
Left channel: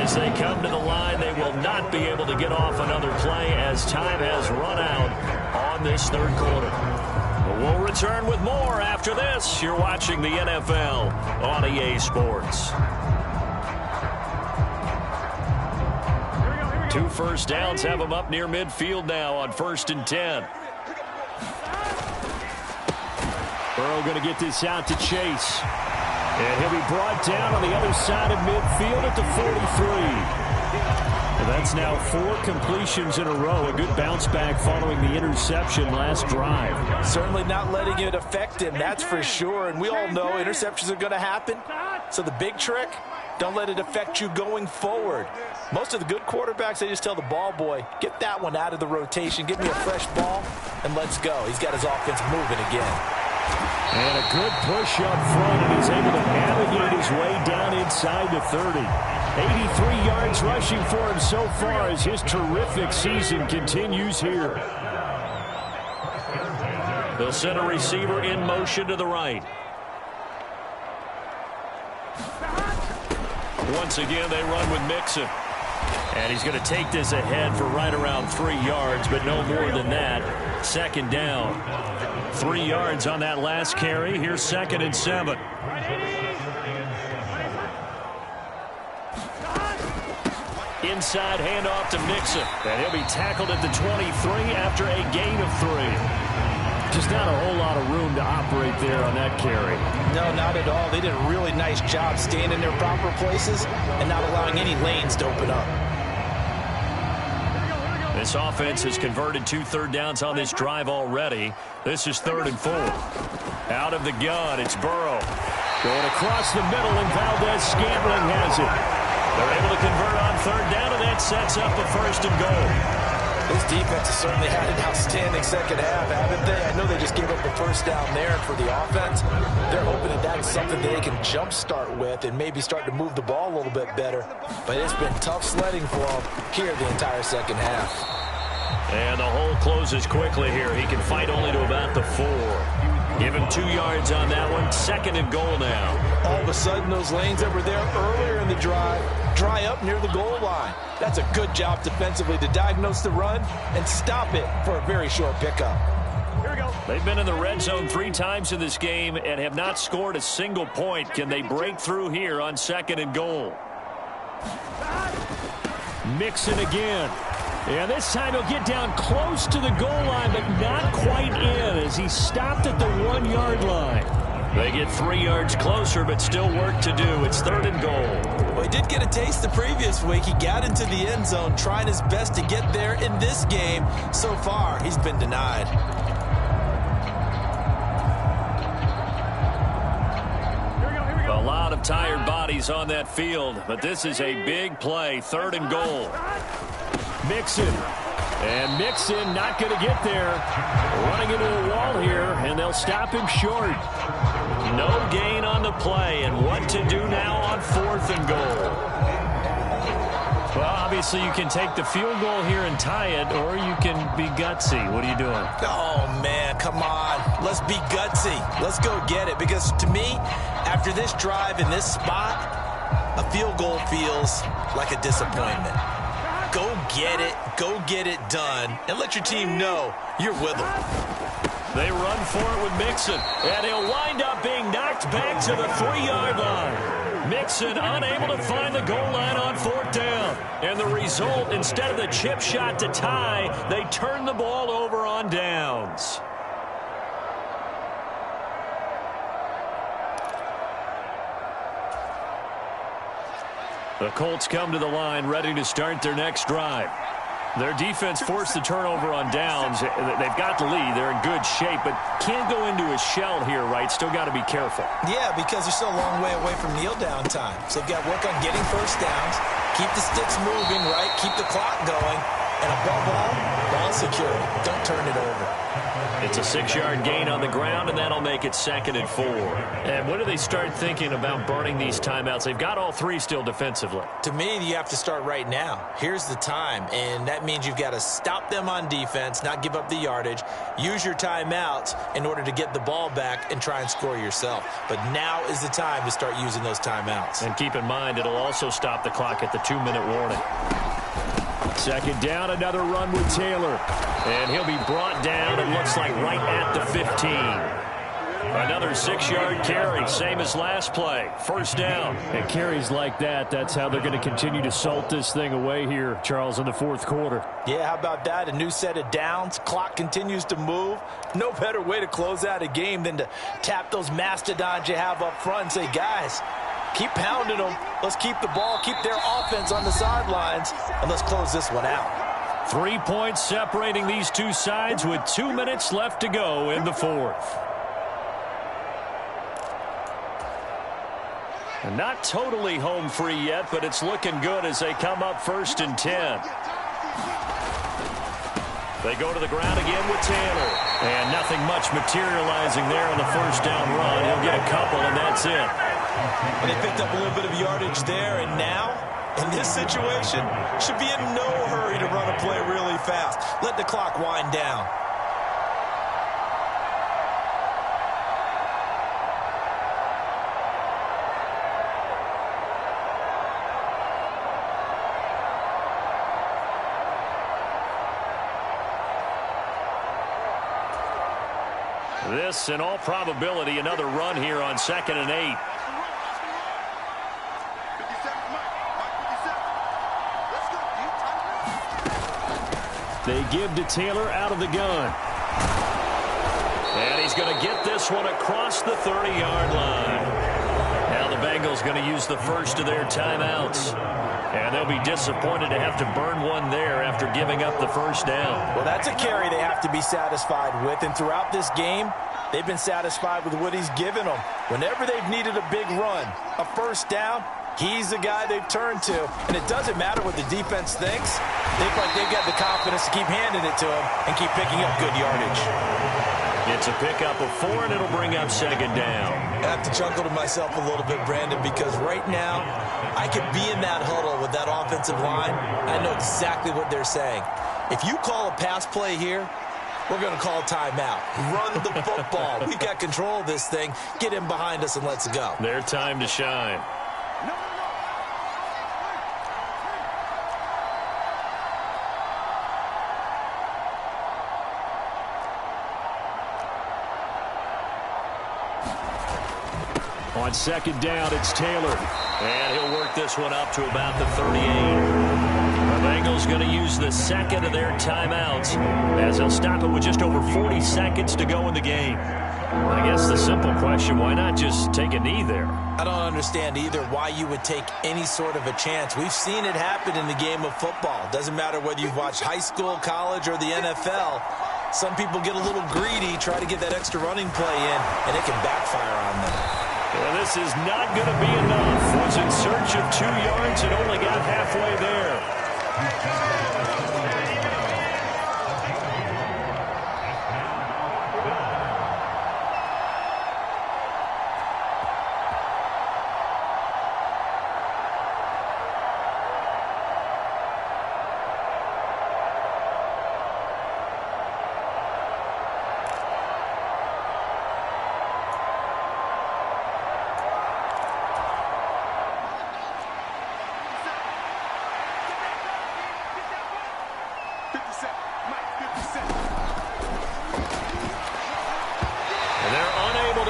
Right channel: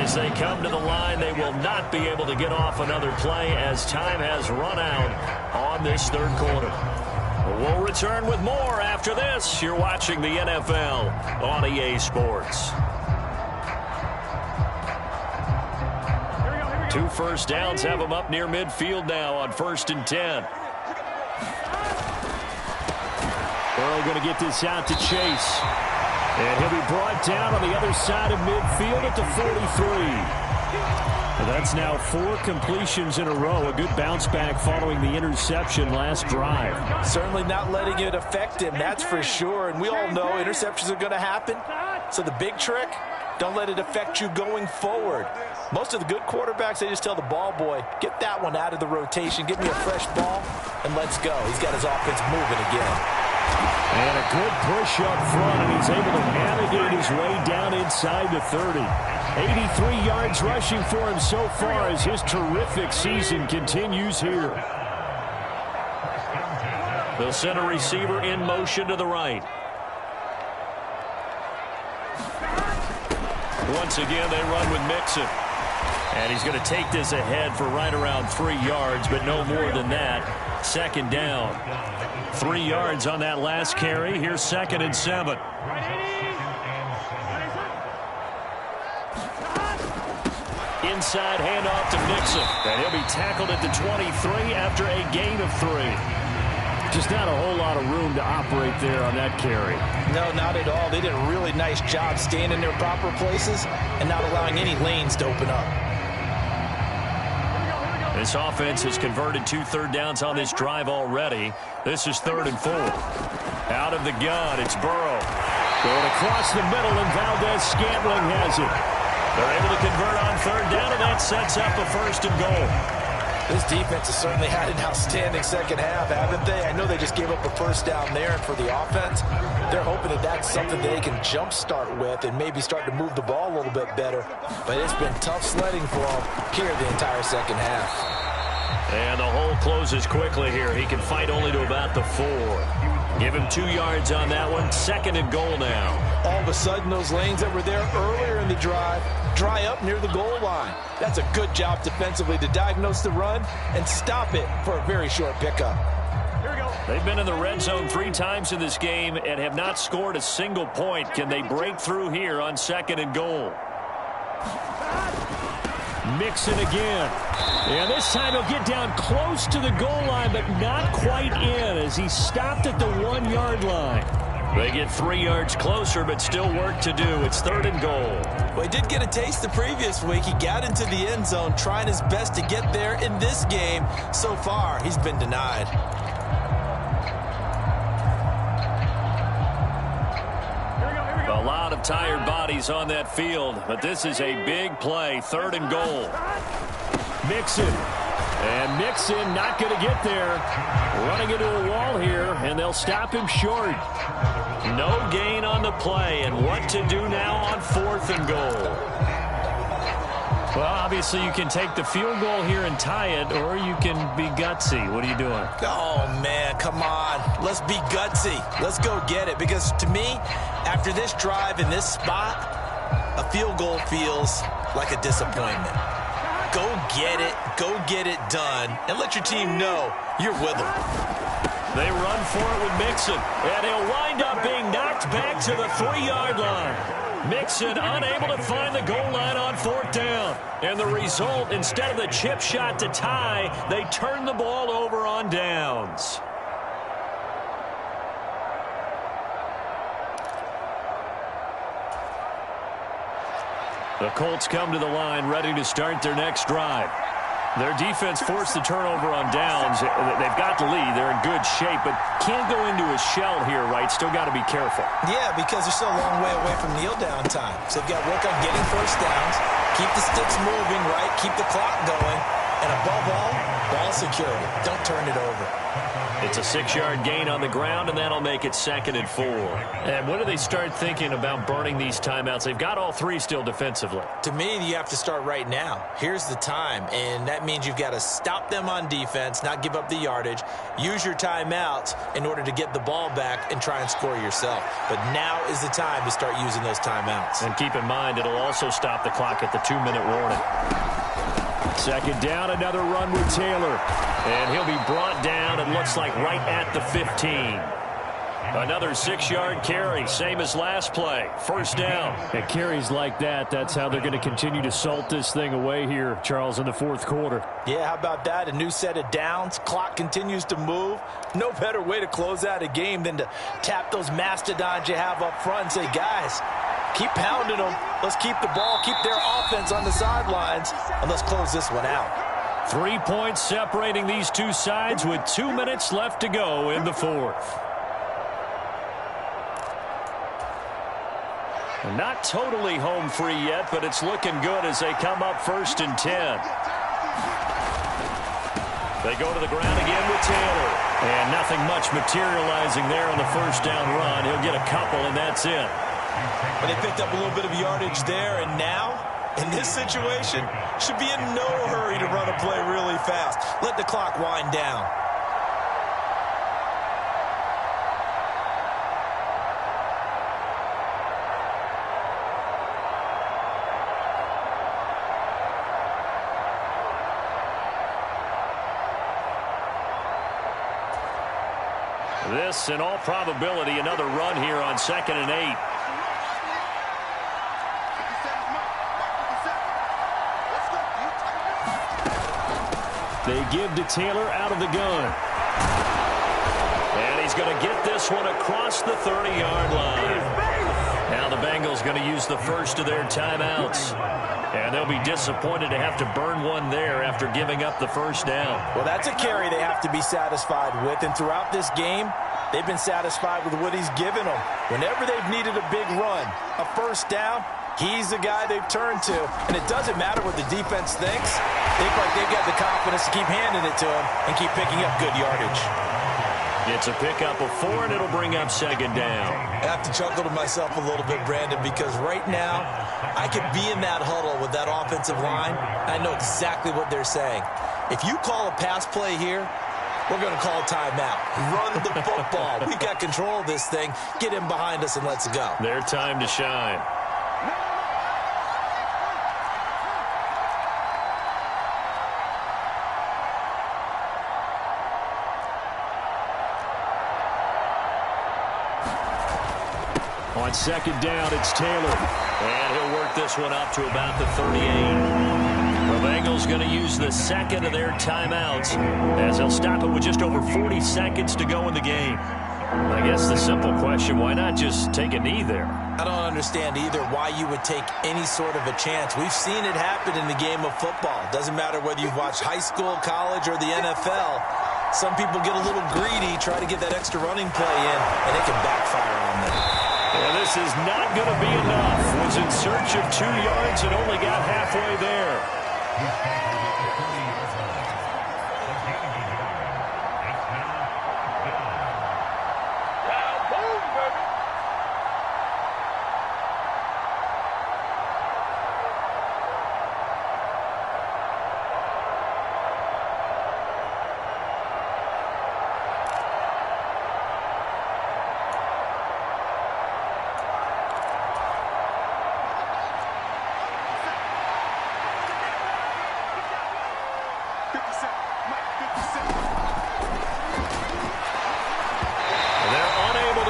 As they come to the line, they will not be able to get off another play as time has run out on this 3rd quarter. We'll return with more after this. You're watching the NFL on EA Sports. 2 first downs have them up near midfield now on 1st and 10. Burrow going to get this out to Chase. And he'll be brought down on the other side of midfield at the 43. That's now 4 completions in a row. A good bounce back following the interception last drive. Certainly not letting it affect him, that's for sure. And we all know interceptions are going to happen. So the big trick, don't let it affect you going forward. Most of the good quarterbacks, they just tell the ball boy, get that one out of the rotation, give me a fresh ball, and let's go. He's got his offense moving again. And a good push up front, and he's able to navigate his way down inside the 30. 83 yards rushing for him so far as his terrific season continues here. They'll send a receiver in motion to the right. Once again, they run with Mixon. And he's going to take this ahead for right around 3 yards, but no more than that. 2nd down. 3 yards on that last carry. Here's 2nd and 7. Inside handoff to Mixon. And he'll be tackled at the 23 after a gain of 3. Just not a whole lot of room to operate there on that carry. No, not at all. They did a really nice job staying in their proper places and not allowing any lanes to open up. This offense has converted 2 third downs on this drive already. This is 3rd and 4. Out of the gun, it's Burrow. Going across the middle, and Valdez-Scantling has it. They're able to convert on 3rd down, and that sets up a 1st and goal. This defense has certainly had an outstanding second half, haven't they? I know they just gave up a 1st down there, and for the offense, they're hoping that that's something that they can jumpstart with and maybe start to move the ball a little bit better. But it's been tough sledding for them here the entire second half. And the hole closes quickly here. He can fight only to about the 4. Give him 2 yards on that one. 2nd and goal now. All of a sudden, those lanes that were there earlier in the drive dry up near the goal line. That's a good job defensively to diagnose the run and stop it for a very short pickup. Here we go. They've been in the red zone 3 times in this game and have not scored a single point. Can they break through here on 2nd and goal? Mixon again. And this time he'll get down close to the goal line, but not quite in as he stopped at the 1-yard line. They get 3 yards closer, but still work to do. It's 3rd and goal. Well, he did get a taste the previous week. He got into the end zone, trying his best to get there in this game. So far, he's been denied. A lot of tired bodies on that field, but this is a big play. 3rd and goal. Mixon. And Mixon not going to get there. Running into a wall here, and they'll stop him short. No gain on the play, and what to do now on 4th and goal? Well, obviously you can take the field goal here and tie it, or you can be gutsy. What are you doing? Oh, man, come on. Let's be gutsy. Let's go get it. Because to me, after this drive in this spot, a field goal feels like a disappointment. Go get it done, and let your team know you're with them. They run for it with Mixon, and he'll wind up being knocked back to the 3-yard line. Mixon unable to find the goal line on 4th down. And the result, instead of the chip shot to tie, they turn the ball over on downs. The Colts come to the line ready to start their next drive. Their defense forced the turnover on downs. They've got the lead. They're in good shape, but can't go into a shell here, right? Still got to be careful. Yeah, because they're still a long way away from kneel down time. So they've got to work on getting 1st downs, keep the sticks moving, right? Keep the clock going. And above all, ball security. Don't turn it over. It's a 6-yard gain on the ground, and that'll make it 2nd and 4. And when do they start thinking about burning these timeouts? They've got all 3 still defensively. To me, you have to start right now. Here's the time, and that means you've got to stop them on defense, not give up the yardage, use your timeouts in order to get the ball back and try and score yourself. But now is the time to start using those timeouts. And keep in mind, it'll also stop the clock at the 2-minute warning. 2nd down, another run with Taylor. And he'll be brought down, it looks like, right at the 15. Another 6-yard carry, same as last play. 1st down. And carries like that, that's how they're going to continue to salt this thing away here, Charles, in the 4th quarter. Yeah, how about that? A new set of downs. Clock continues to move. No better way to close out a game than to tap those mastodons you have up front and say, guys, keep pounding them. Let's keep the ball, keep their offense on the sidelines, and let's close this one out. 3 points separating these two sides with 2 minutes left to go in the 4th. Not totally home free yet, but it's looking good as they come up 1st and 10. They go to the ground again with Taylor. And nothing much materializing there on the 1st down run. He'll get a couple, and that's it. But they picked up a little bit of yardage there, and now, in this situation, should be in no hurry to run a play really fast. Let the clock wind down. This, in all probability, another run here on 2nd and 8. Let's go. They give to Taylor out of the gun. And he's going to get this one across the 30-yard line. Now the Bengals going to use the first of their timeouts. And they'll be disappointed to have to burn one there after giving up the first down. Well, that's a carry they have to be satisfied with. And throughout this game, they've been satisfied with what he's given them. Whenever they've needed a big run, a first down, he's the guy they've turned to. And it doesn't matter what the defense thinks. They look like they've got the confidence to keep handing it to him and keep picking up good yardage. It's a pickup of 4, and it'll bring up second down. I have to chuckle to myself a little bit, Brandon, because right now I could be in that huddle with that offensive line. I know exactly what they're saying. If you call a pass play here, we're going to call a timeout. Run the football. We've got control of this thing. Get him behind us and let's go. Their time to shine. On second down, it's Taylor. And he'll work this one up to about the 38. The Bengals going to use the second of their timeouts as they'll stop it with just over 40 seconds to go in the game. I guess the simple question, why not just take a knee there? I don't understand either why you would take any sort of a chance. We've seen it happen in the game of football. It doesn't matter whether you've watched high school, college, or the NFL. Some people get a little greedy, try to get that extra running play in, and it can backfire on them. And this is not going to be enough. Was in search of 2 yards and only got halfway there.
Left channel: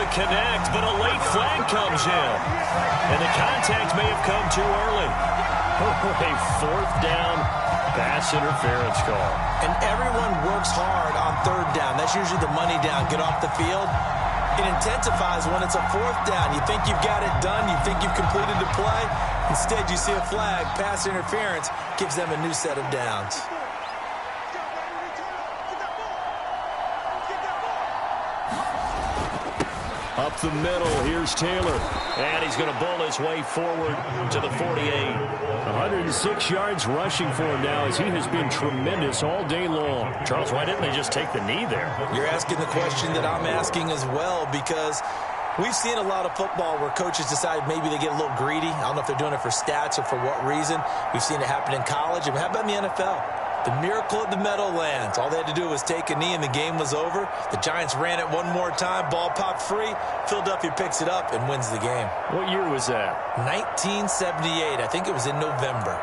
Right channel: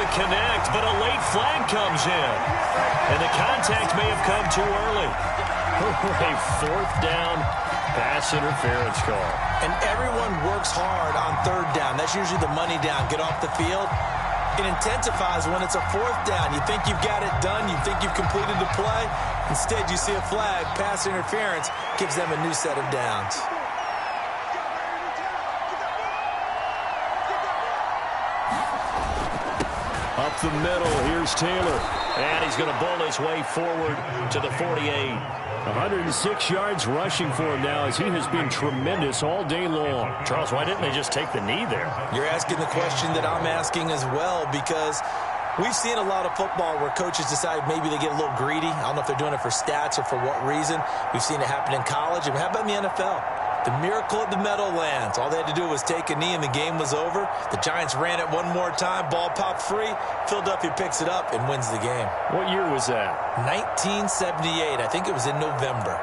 Connect, but a late flag comes in. And the contact may have come too early. A 4th down pass interference call. And everyone works hard on 3rd down. That's usually the money down. Get off the field. It intensifies when it's a 4th down. You think you've got it done. You think you've completed the play. Instead, you see a flag. Pass interference gives them a new set of downs. Up the middle, here's Taylor. And he's going to bull his way forward to the 48. 106 yards rushing for him now as he has been tremendous all day long. Charles, why didn't they just take the knee there? You're asking the question that I'm asking as well, because we've seen a lot of football where coaches decide maybe they get a little greedy. I don't know if they're doing it for stats or for what reason. We've seen it happen in college. And how about in the NFL? The miracle at the Meadowlands. All they had to do was take a knee and the game was over. The Giants ran it one more time. Ball popped free. Philadelphia picks it up and wins the game. What year was that? 1978. I think it was in November.